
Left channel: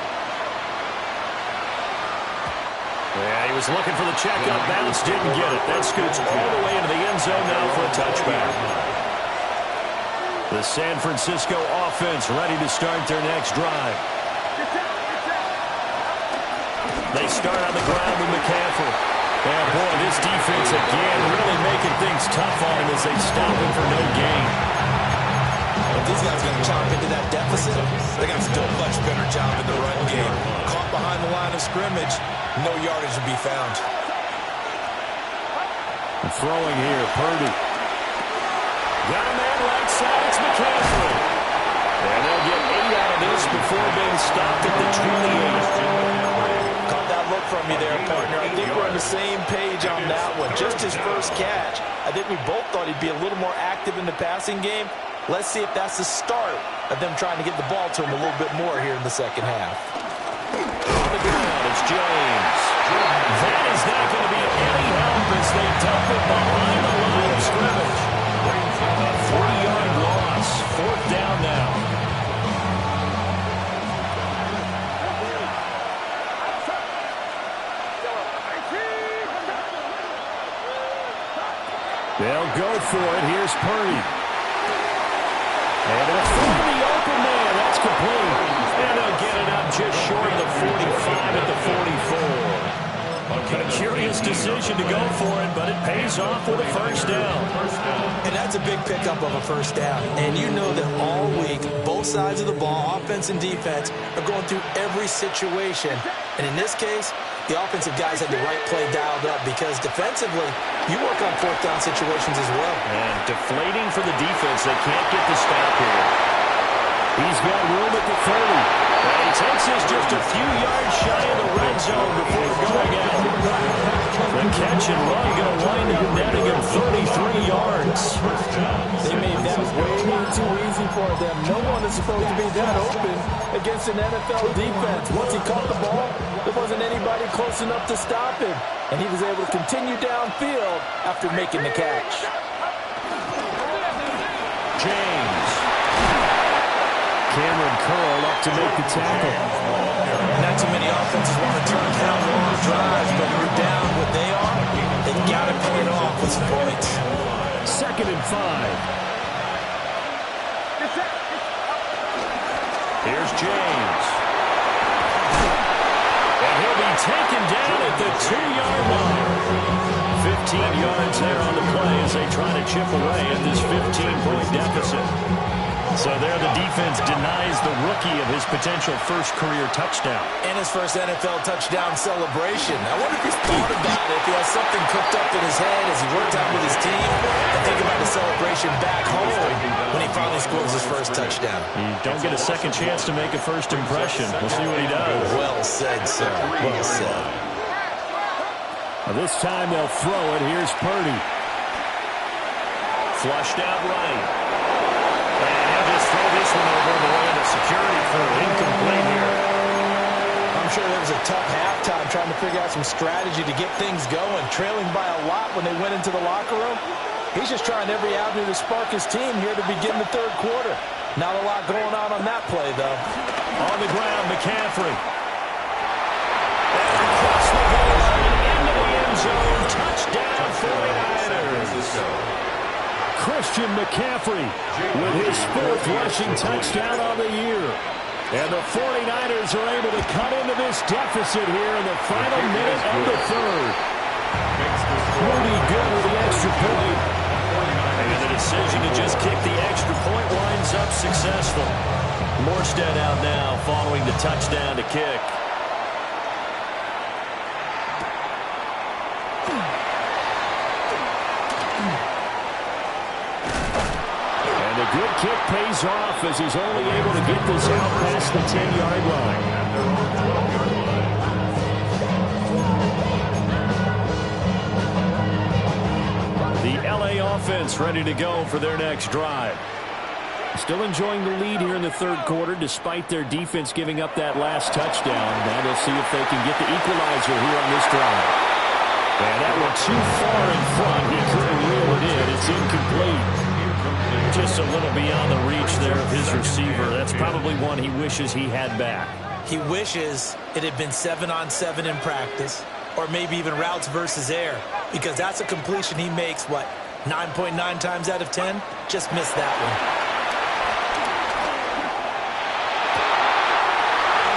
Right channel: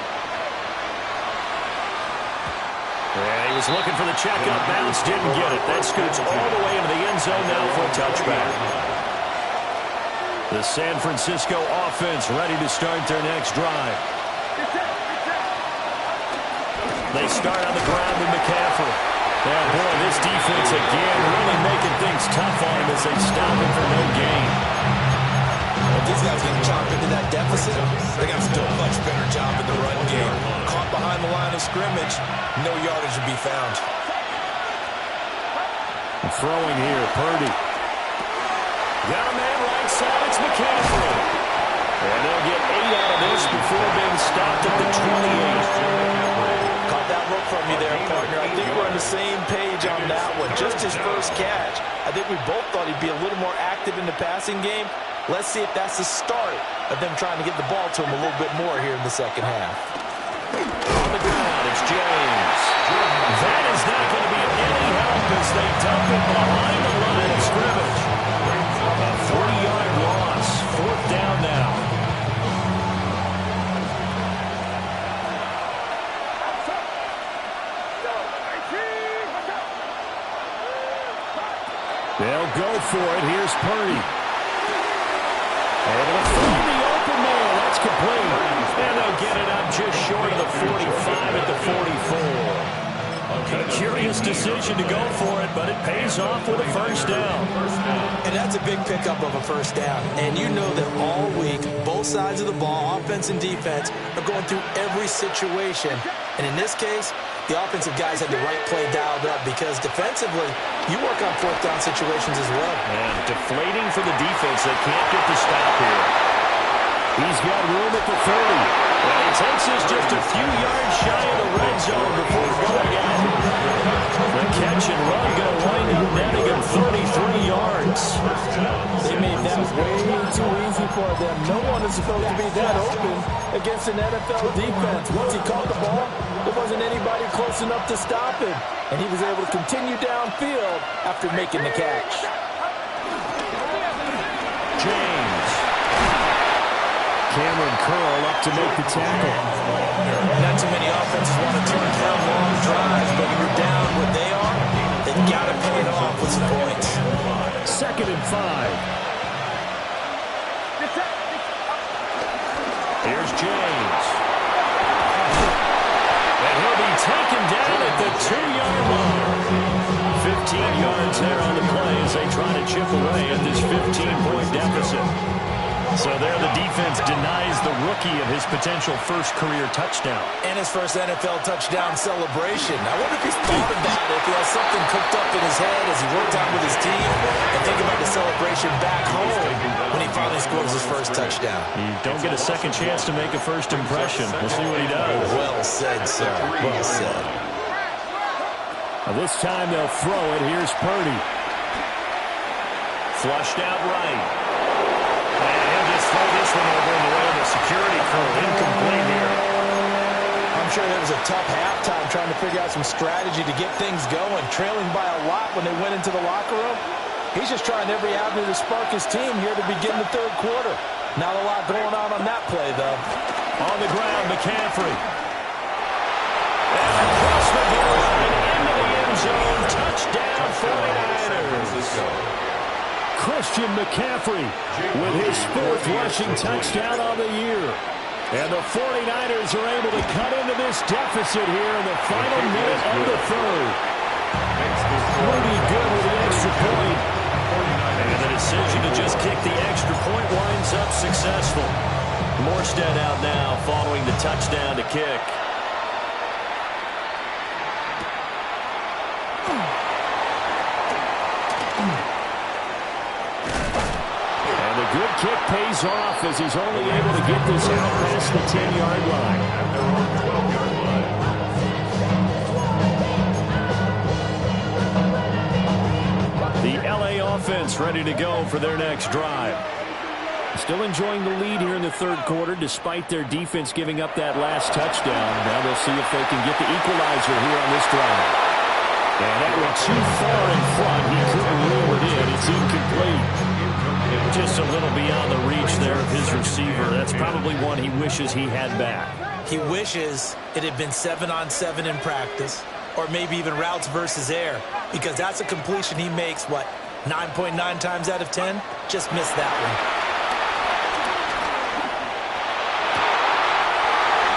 Yeah, he was looking for the checkout bounce, didn't get it. That scoots all the way into the end zone now for a touchback. The San Francisco offense ready to start their next drive. They start on the ground with McCaffrey. Yeah, boy, this defense again really making things tough on him as they stop him for no gain. If these guys can chomp into that deficit, they got to do a much better job in the run game. Caught behind the line of scrimmage, no yardage to be found. Throwing here, Purdy. Got a man right side, it's McCaffrey. And they'll get 8 out of this before being stopped at the 28. Caught that look from you there, partner. I think we're on the same page on that one. Just his first catch. I think we both thought he'd be a little more active in the passing game. Let's see if that's the start of them trying to get the ball to him a little bit more here in the second half. On the ground, it's James. That is not going to be any help as they dump it behind the line of scrimmage. A 40-yard loss. 4th down now. They'll go for it. Here's Purdy. Able to find the open man. That's complete. And they'll get it up just short of the 45 at the 44. A curious decision to go for it, but it pays off with a first down. And that's a big pickup of a first down. And you know that all week, both sides of the ball, offense and defense, are going through every situation. And in this case, the offensive guys had the right play dialed up because defensively, you work on 4th down situations as well. And deflating for the defense. They can't get the stop here. He's got room at the 30. And he takes this just a few yards shy of the red zone before going out. The catch and run going to wind up netting him 33 yards. They made that way too easy for them. No one is supposed to be that open against an NFL defense. Once he caught the ball, there wasn't anybody close enough to stop him. And he was able to continue downfield after making the catch. James. Cameron Curl up to make the tackle. Not too many offenses want to turn down long drives, but when you're down what they are, they've got to pay it off with some points. 2nd and 5. Here's James. And he'll be taken down at the 2-yard line. 15 yards there on the play as they try to chip away at this 15-point deficit. So there the defense denies the rookie of his potential first career touchdown. And his first NFL touchdown celebration. I wonder if he's thought about it, if he has something cooked up in his head as he worked out with his team, and think about the celebration back home when he finally scores his first touchdown. You don't get a second chance to make a first impression. We'll see what he does. Well said, sir. Well said. This time they'll throw it. Here's Purdy. Flushed out right. And he'll just throw this one over in the way of the security crew. Incomplete here. I'm sure there was a tough halftime trying to figure out some strategy to get things going, trailing by a lot when they went into the locker room. He's just trying every avenue to spark his team here to begin the third quarter. Not a lot going on that play, though. On the ground, McCaffrey. And across the goal line, into the end zone. Touchdown, 49ers. Christian McCaffrey with his fourth rushing touchdown on the year. And the 49ers are able to cut into this deficit here in the final minute of the third. Rudy good with the extra point. And the decision to just kick the extra point winds up successful. Morstead out now following the touchdown to kick. And a good kick pays off as he's only able to get this out past the 10-yard line. At their own 12-yard line. The LA offense ready to go for their next drive. Still enjoying the lead here in the third quarter despite their defense giving up that last touchdown. Now they'll see if they can get the equalizer here on this drive. And that went too far in front. He couldn't reel it in. It's incomplete. Just a little beyond the reach there of his receiver. That's probably one he wishes he had back. He wishes it had been 7-on-7 in practice, or maybe even routes versus air, because that's a completion he makes, 9.9 times out of 10? Just missed that one.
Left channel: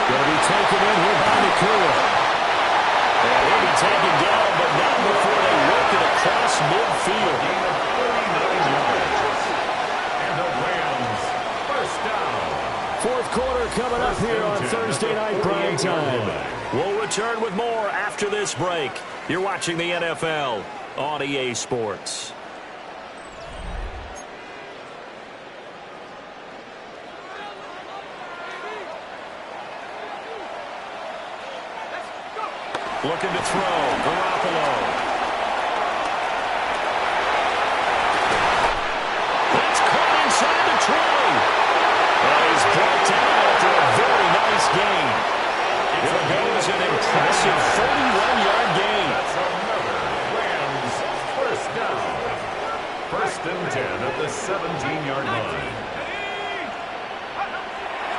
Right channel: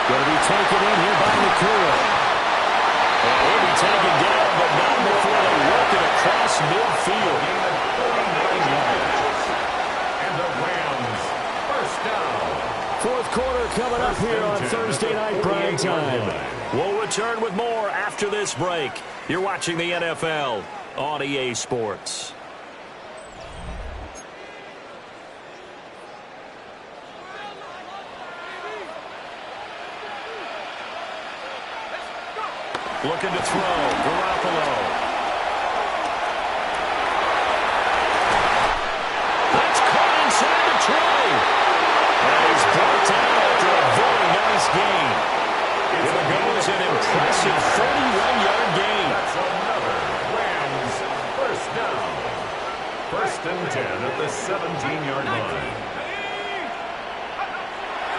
Going to be taken in here by Nakua. And he'll be taken down, but not before they work it across midfield. Gain of 39 yards. And the Rams first down. Fourth quarter coming up here on Thursday Night Prime Time. We'll return with more after this break. You're watching the NFL on EA Sports. Looking to throw, Garoppolo. That's caught inside the 20. And he's brought down after a very nice gain. Here goes an impressive 41-yard gain. That's another Rams first down. First and 10 at the 17-yard line.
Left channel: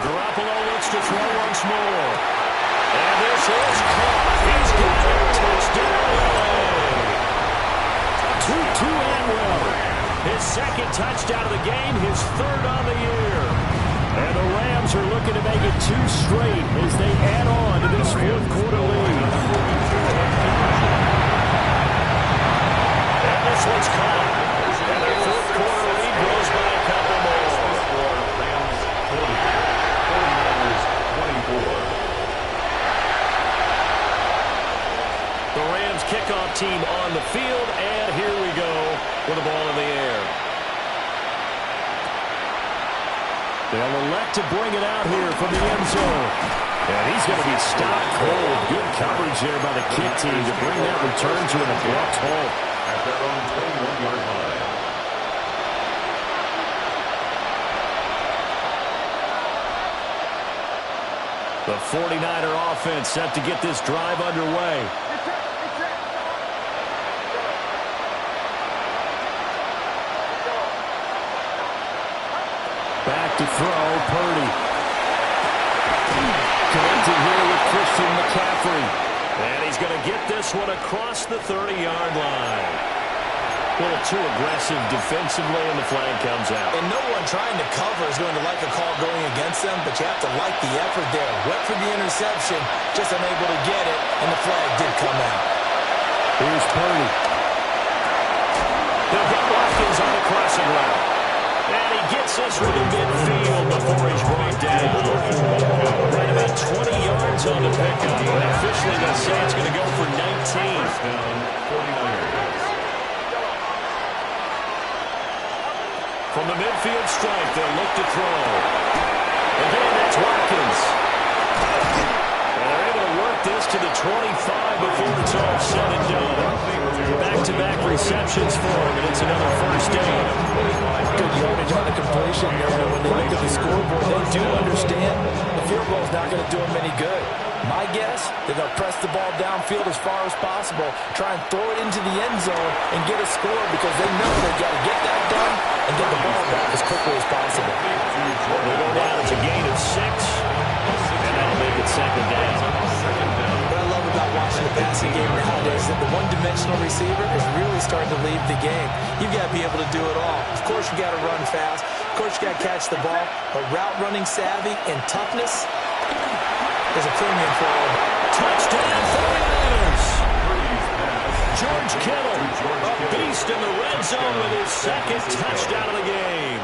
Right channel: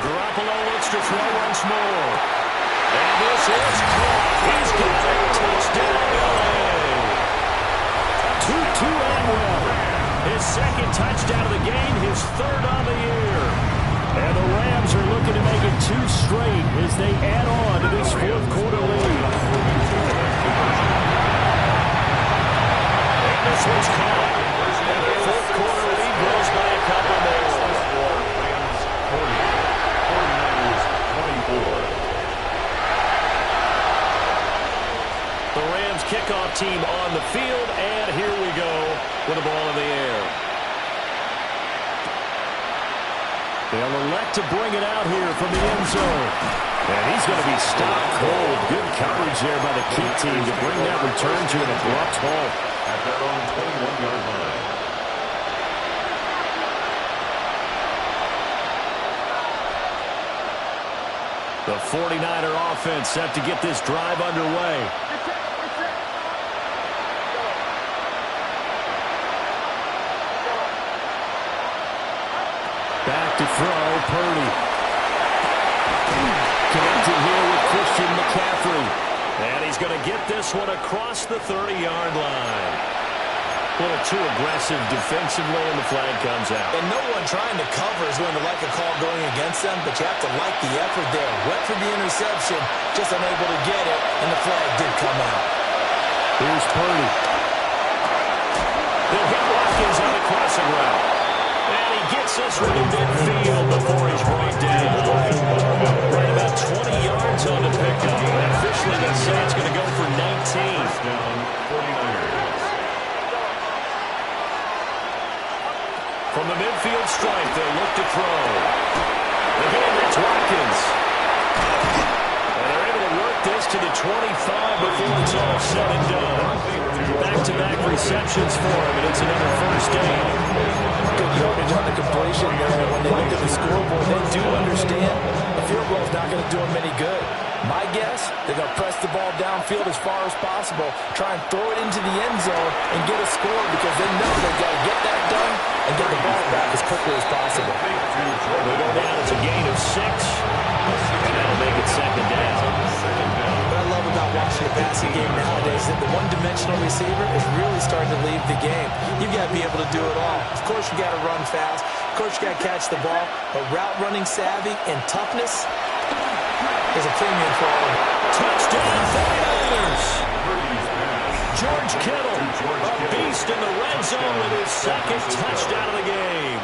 Garoppolo looks to throw once more. And this is caught. He's got it. Touchdown, LA. Tutu Atwell. His second touchdown of the game, his third on the year. And the Rams are looking to make it 2 straight as they add on to this fourth quarter lead. And this one's caught. And their fourth quarter lead grows by a couple more. Rams 40, 49ers 24. The Rams kickoff team on the field, and here we go with the ball in the air. They'll elect to bring it out here from the end zone. And he's going to be stopped cold. Good coverage there by the kick team to bring that return to an abrupt halt. At their own 21-yard line. The 49er offense set to get this drive underway. Back to throw, Purdy. Connecting here with Christian McCaffrey. And he's going to get this one across the 30-yard line. A little too aggressive defensively, and the flag comes out. And no one trying to cover is going to like a call going against them, but you have to like the effort there. Went for the interception, just unable to get it, and the flag did come out. Here's Purdy. He'll hit Watkins on a crossing route. And he gets this one to midfield before he's brought down. Right about 20 yards on the pickup. And officially they'll say it's going to go for 19. First down, 49ers. From the midfield stripe, they'll look to throw. Again, that's Watkins. And they're able to work this to the 25 before it's all said and done. Back-to-back receptions for him, and it's another first down. Good yardage on the completion there. When they look at the scoreboard, they do understand a field goal is not going to do them any good. My guess, they're going to press the ball downfield as far as possible, try and throw it into the end zone and get a score because they know they've got to get that done and get the ball back as quickly as possible. We'll go down. It's a gain of 6, and that'll make it second down. What I love about watching the passing game nowadays is that the one-dimensional receiver is really starting to leave the game. You've got to be able to do it all. Of course, you got to run fast. Of course, you got to catch the ball. But route running savvy and toughness is a premium for all of it. Touchdown, 49ers. George Kittle, a beast in the red zone with his second touchdown of the game.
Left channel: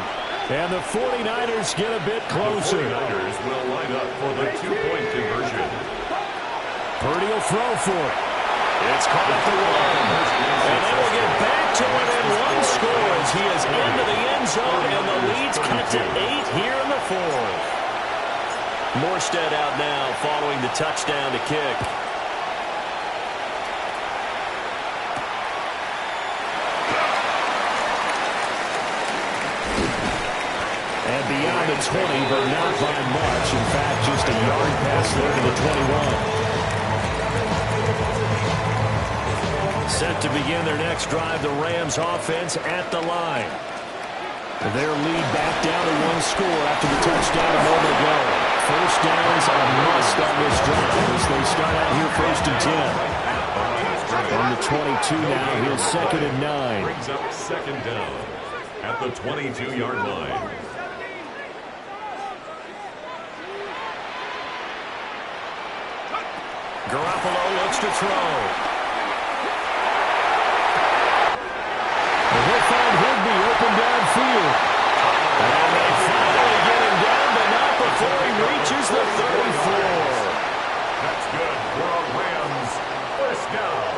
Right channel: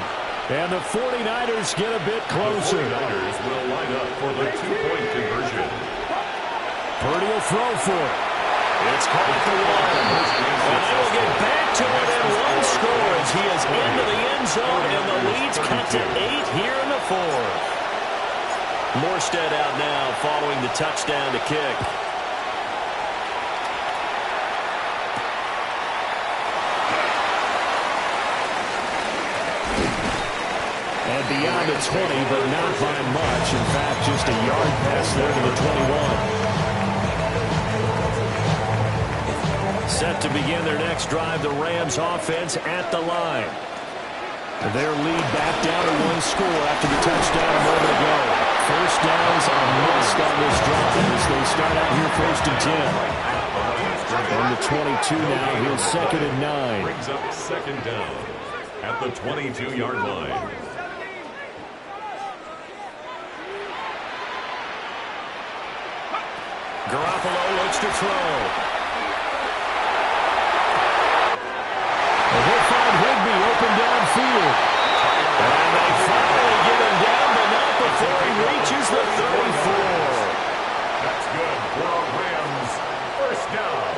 And the 49ers get a bit closer. The 49ers will line up for the two-point conversion. Purdy will throw for it. It's caught at the 1. And they will get back to it in one score as he is into the end zone, and the lead's cut to 8 here in the 4th. Morstead out now following the touchdown to kick. And beyond the 20, but not by much. In fact, just a yard pass there to the 21. Set to begin their next drive, the Rams offense at the line. Their lead back down to 1 score after the touchdown a moment ago. First downs are must on this drive as they start out here first and 10. On the 22 now, here's second and 9. Brings up second down at the 22-yard line. Garoppolo looks to throw. And he'll find Higbee open downfield. And they finally get him down, but not before he reaches the 34. That's good for a Rams first down.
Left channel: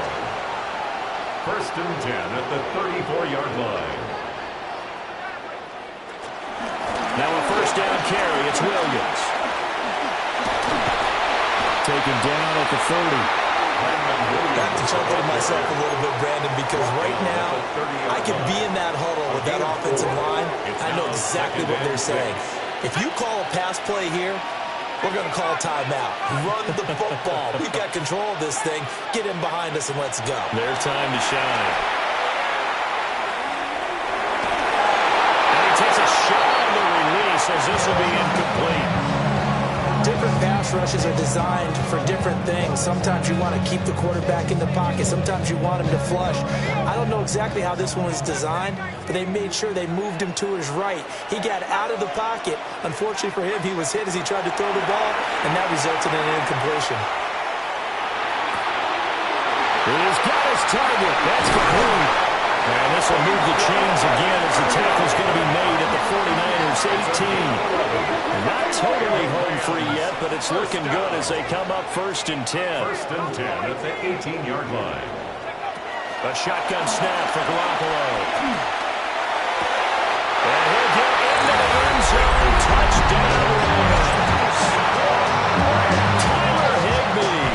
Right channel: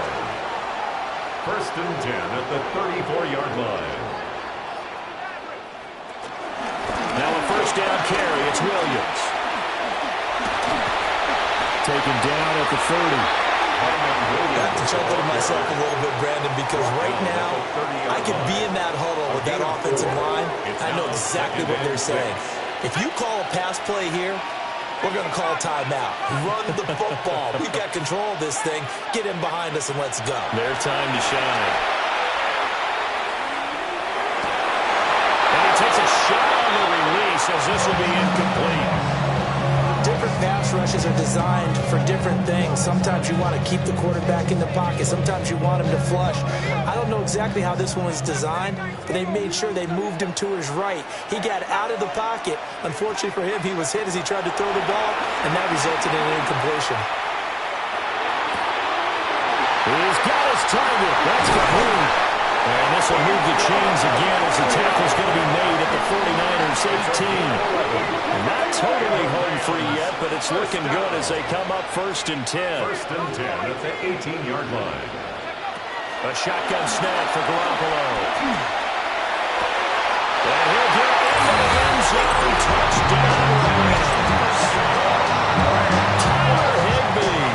First and 10 at the 34-yard line. Now a first down carry. It's Williams. Taken down at the 30. I have to chuckle to myself a little bit, Brandon, because right now I could be in that huddle with that offensive line. I know exactly what they're saying. If you call a pass play here, we're going to call timeout. Run the football. We've got control of this thing. Get in behind us and let's go. Their time to shine. And he takes a shot on the release as this will be incomplete. Different pass rushes are designed for different things. Sometimes you want to keep the quarterback in the pocket. Sometimes you want him to flush. I don't know exactly how this one was designed, but they made sure they moved him to his right. He got out of the pocket. Unfortunately for him, he was hit as he tried to throw the ball, and that resulted in an incompletion. He's got his target. That's complete. And this will move the chains again as the tackle's going to be made at the 49ers 18. Not totally home free yet, but it's looking good as they come up first and 10. First and 10 at the 18-yard line. A shotgun snap for Garoppolo. And he'll get into the end zone. Touchdown Rams. Tyler Higbee.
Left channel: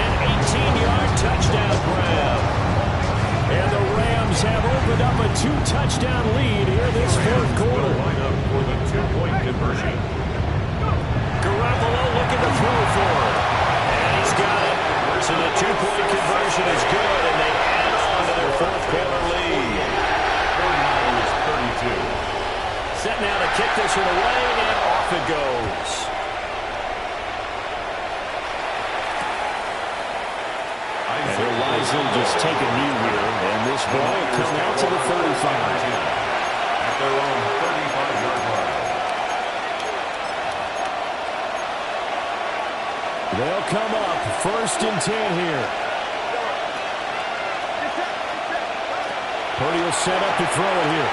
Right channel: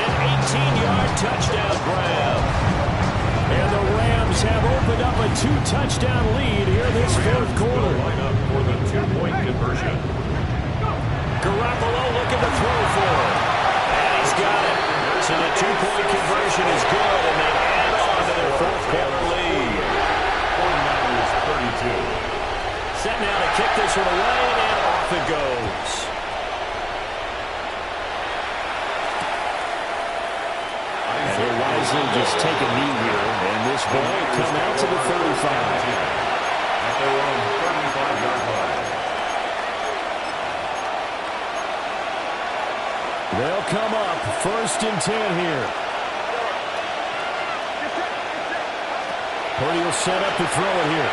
An 18-yard touchdown grab. And the Rams have opened up a 2-touchdown lead here this fourth quarter. Line up for the two-point conversion. Garoppolo looking to throw for it. And he's got it. So the two-point conversion is good, and they add on to their fourth quarter lead. 49ers 32. Set now to kick this one away, and off it goes. And he'll wisely just take a knee here, and this ball will come out to the 35. At their own 35-yard line. They'll come up first and 10 here. Purdy will set up to throw it here.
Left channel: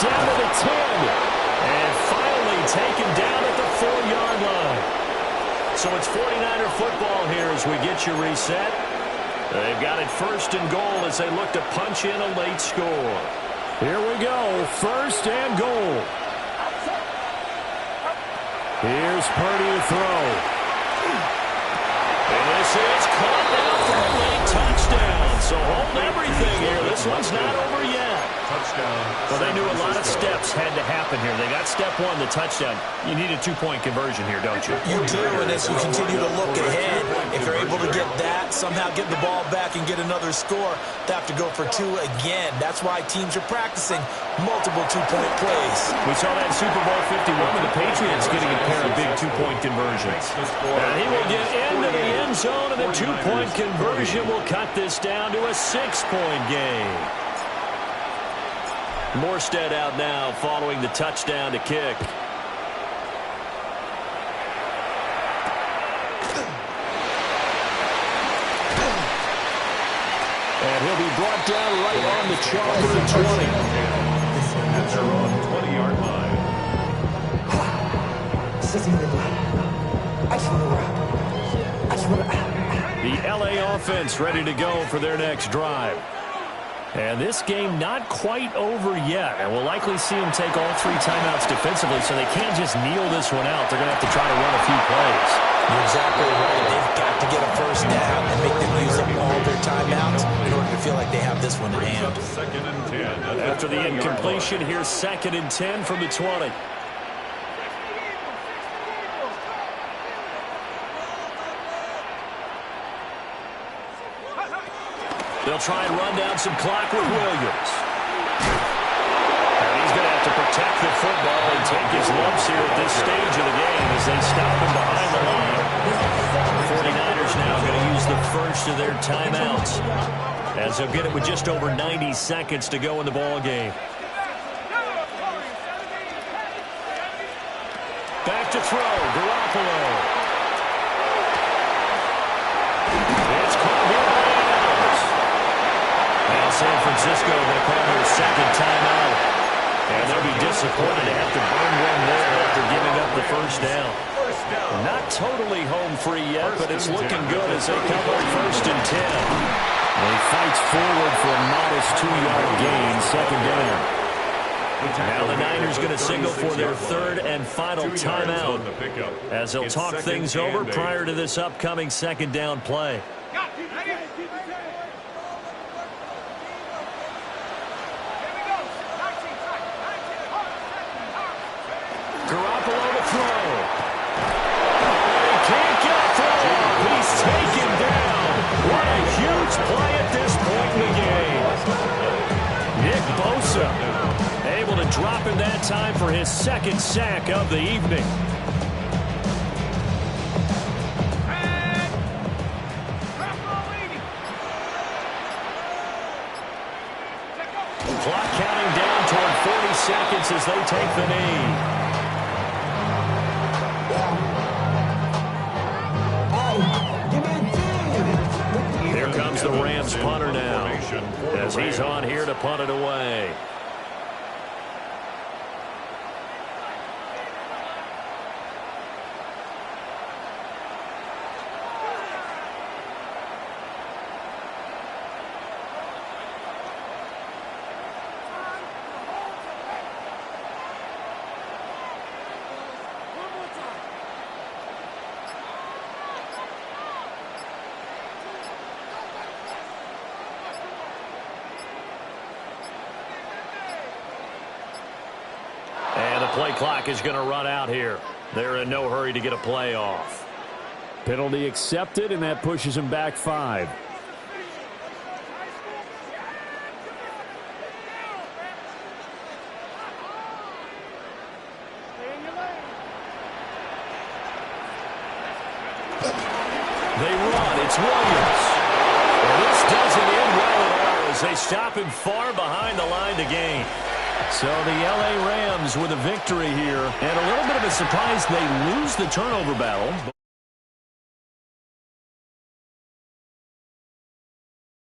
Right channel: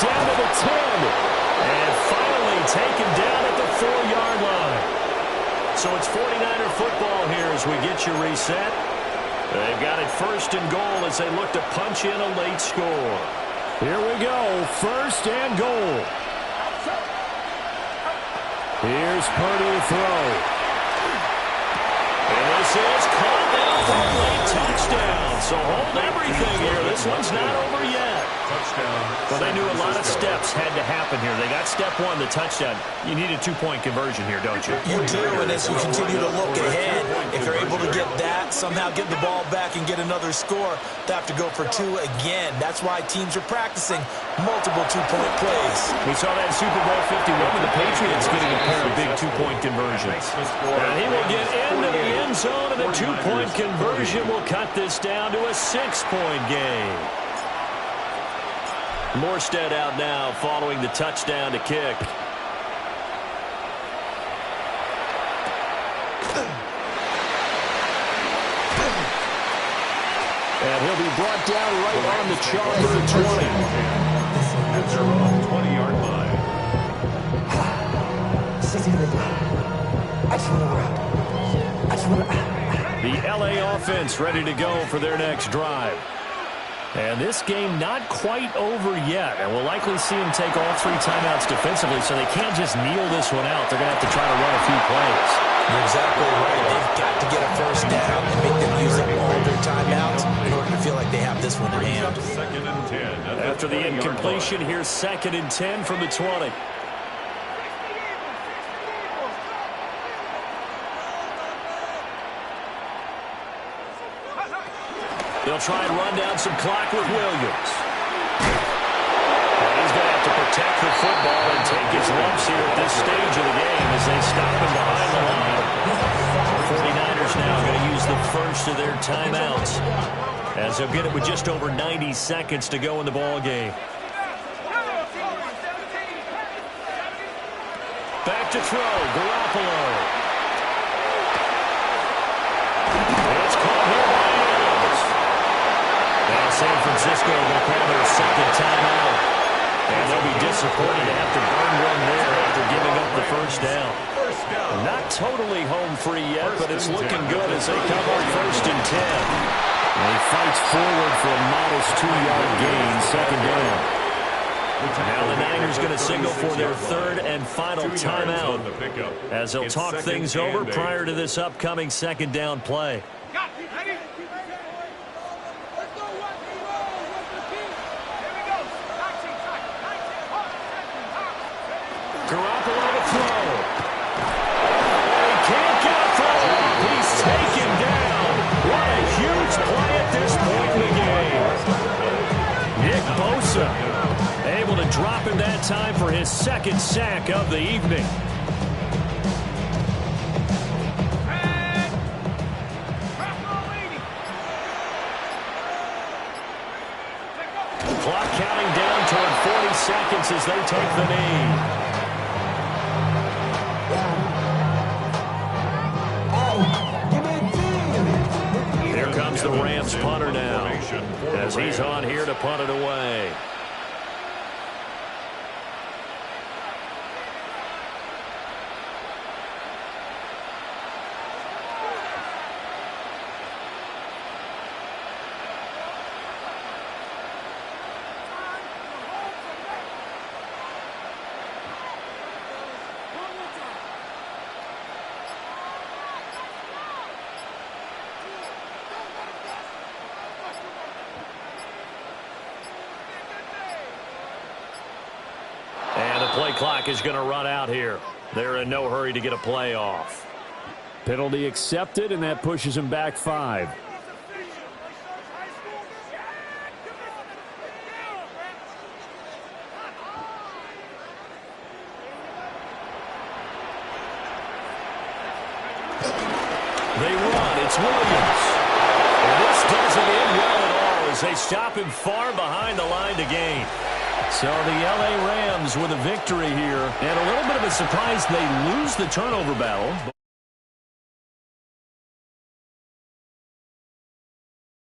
down to the 10. And finally taken down at the 4-yard line. So it's 49er football here as we get you reset. They've got it first and goal as they look to punch in a late score. Here we go, first and goal. Here's Purdy to throw. And this is caught now for a late touchdown. So hold everything here. This one's not over yet. Touchdown. Well, they knew a lot of steps had to happen here. They got step one, the touchdown. You need a two-point conversion here, don't you? You do, and as you continue to look ahead, if they're able to get that, somehow get the ball back and get another score, they have to go for two again. That's why teams are practicing multiple two-point plays. We saw that in Super Bowl 51 with the Patriots getting a pair of big two-point conversions. And he will get into the end zone, and the two-point conversion will cut this down to a 6-point game. Morstead out now following the touchdown to kick. And he'll be brought down right on the chalk of the 20. At their own 20-yard line. The LA offense ready to go for their next drive. And this game not quite over yet. And we'll likely see them take all three timeouts defensively, so they can't just kneel this one out. They're going to have to try to run a few plays. You're exactly right. They've got to get a first down and make them use up all their timeouts in order to feel like they have this one in hand. Second and 10. After the incompletion, here's second and 10 from the 20. They'll try and run down some clock with Williams. And he's going to have to protect the football and take his lumps here at this stage of the game as they stop him behind the line. The 49ers now going to use the first of their timeouts as they'll get it with just over 90 seconds to go in the ball game. Back to throw, Garoppolo. It's caught here by Adams. And San Francisco going to call their second timeout. And they'll be disappointed to have to burn one there after giving up the first down. Not totally home free yet, but it's looking good as they come up first and 10. And he fights forward for a modest 2-yard gain, second down. Now the Niners going to signal for their third and final timeout as they'll talk things over prior to this upcoming second down play. Garoppolo to throw. And he can't get a throw off. He's taken down. What a huge play at this point in the game. Nick Bosa able to drop him that time for his second sack of the evening. Clock counting down toward 40 seconds as they take the knee. Here comes the Rams punter now as he's on here to punt it away. And the play clock is going to run out here. They're in no hurry to get a play off. Penalty accepted, and that pushes him back 5. They run. It's Williams. And this doesn't end well at all as they stop him far behind the line to gain. So the L.A. Rams with a victory here. And a little bit of a surprise, they lose the turnover battle.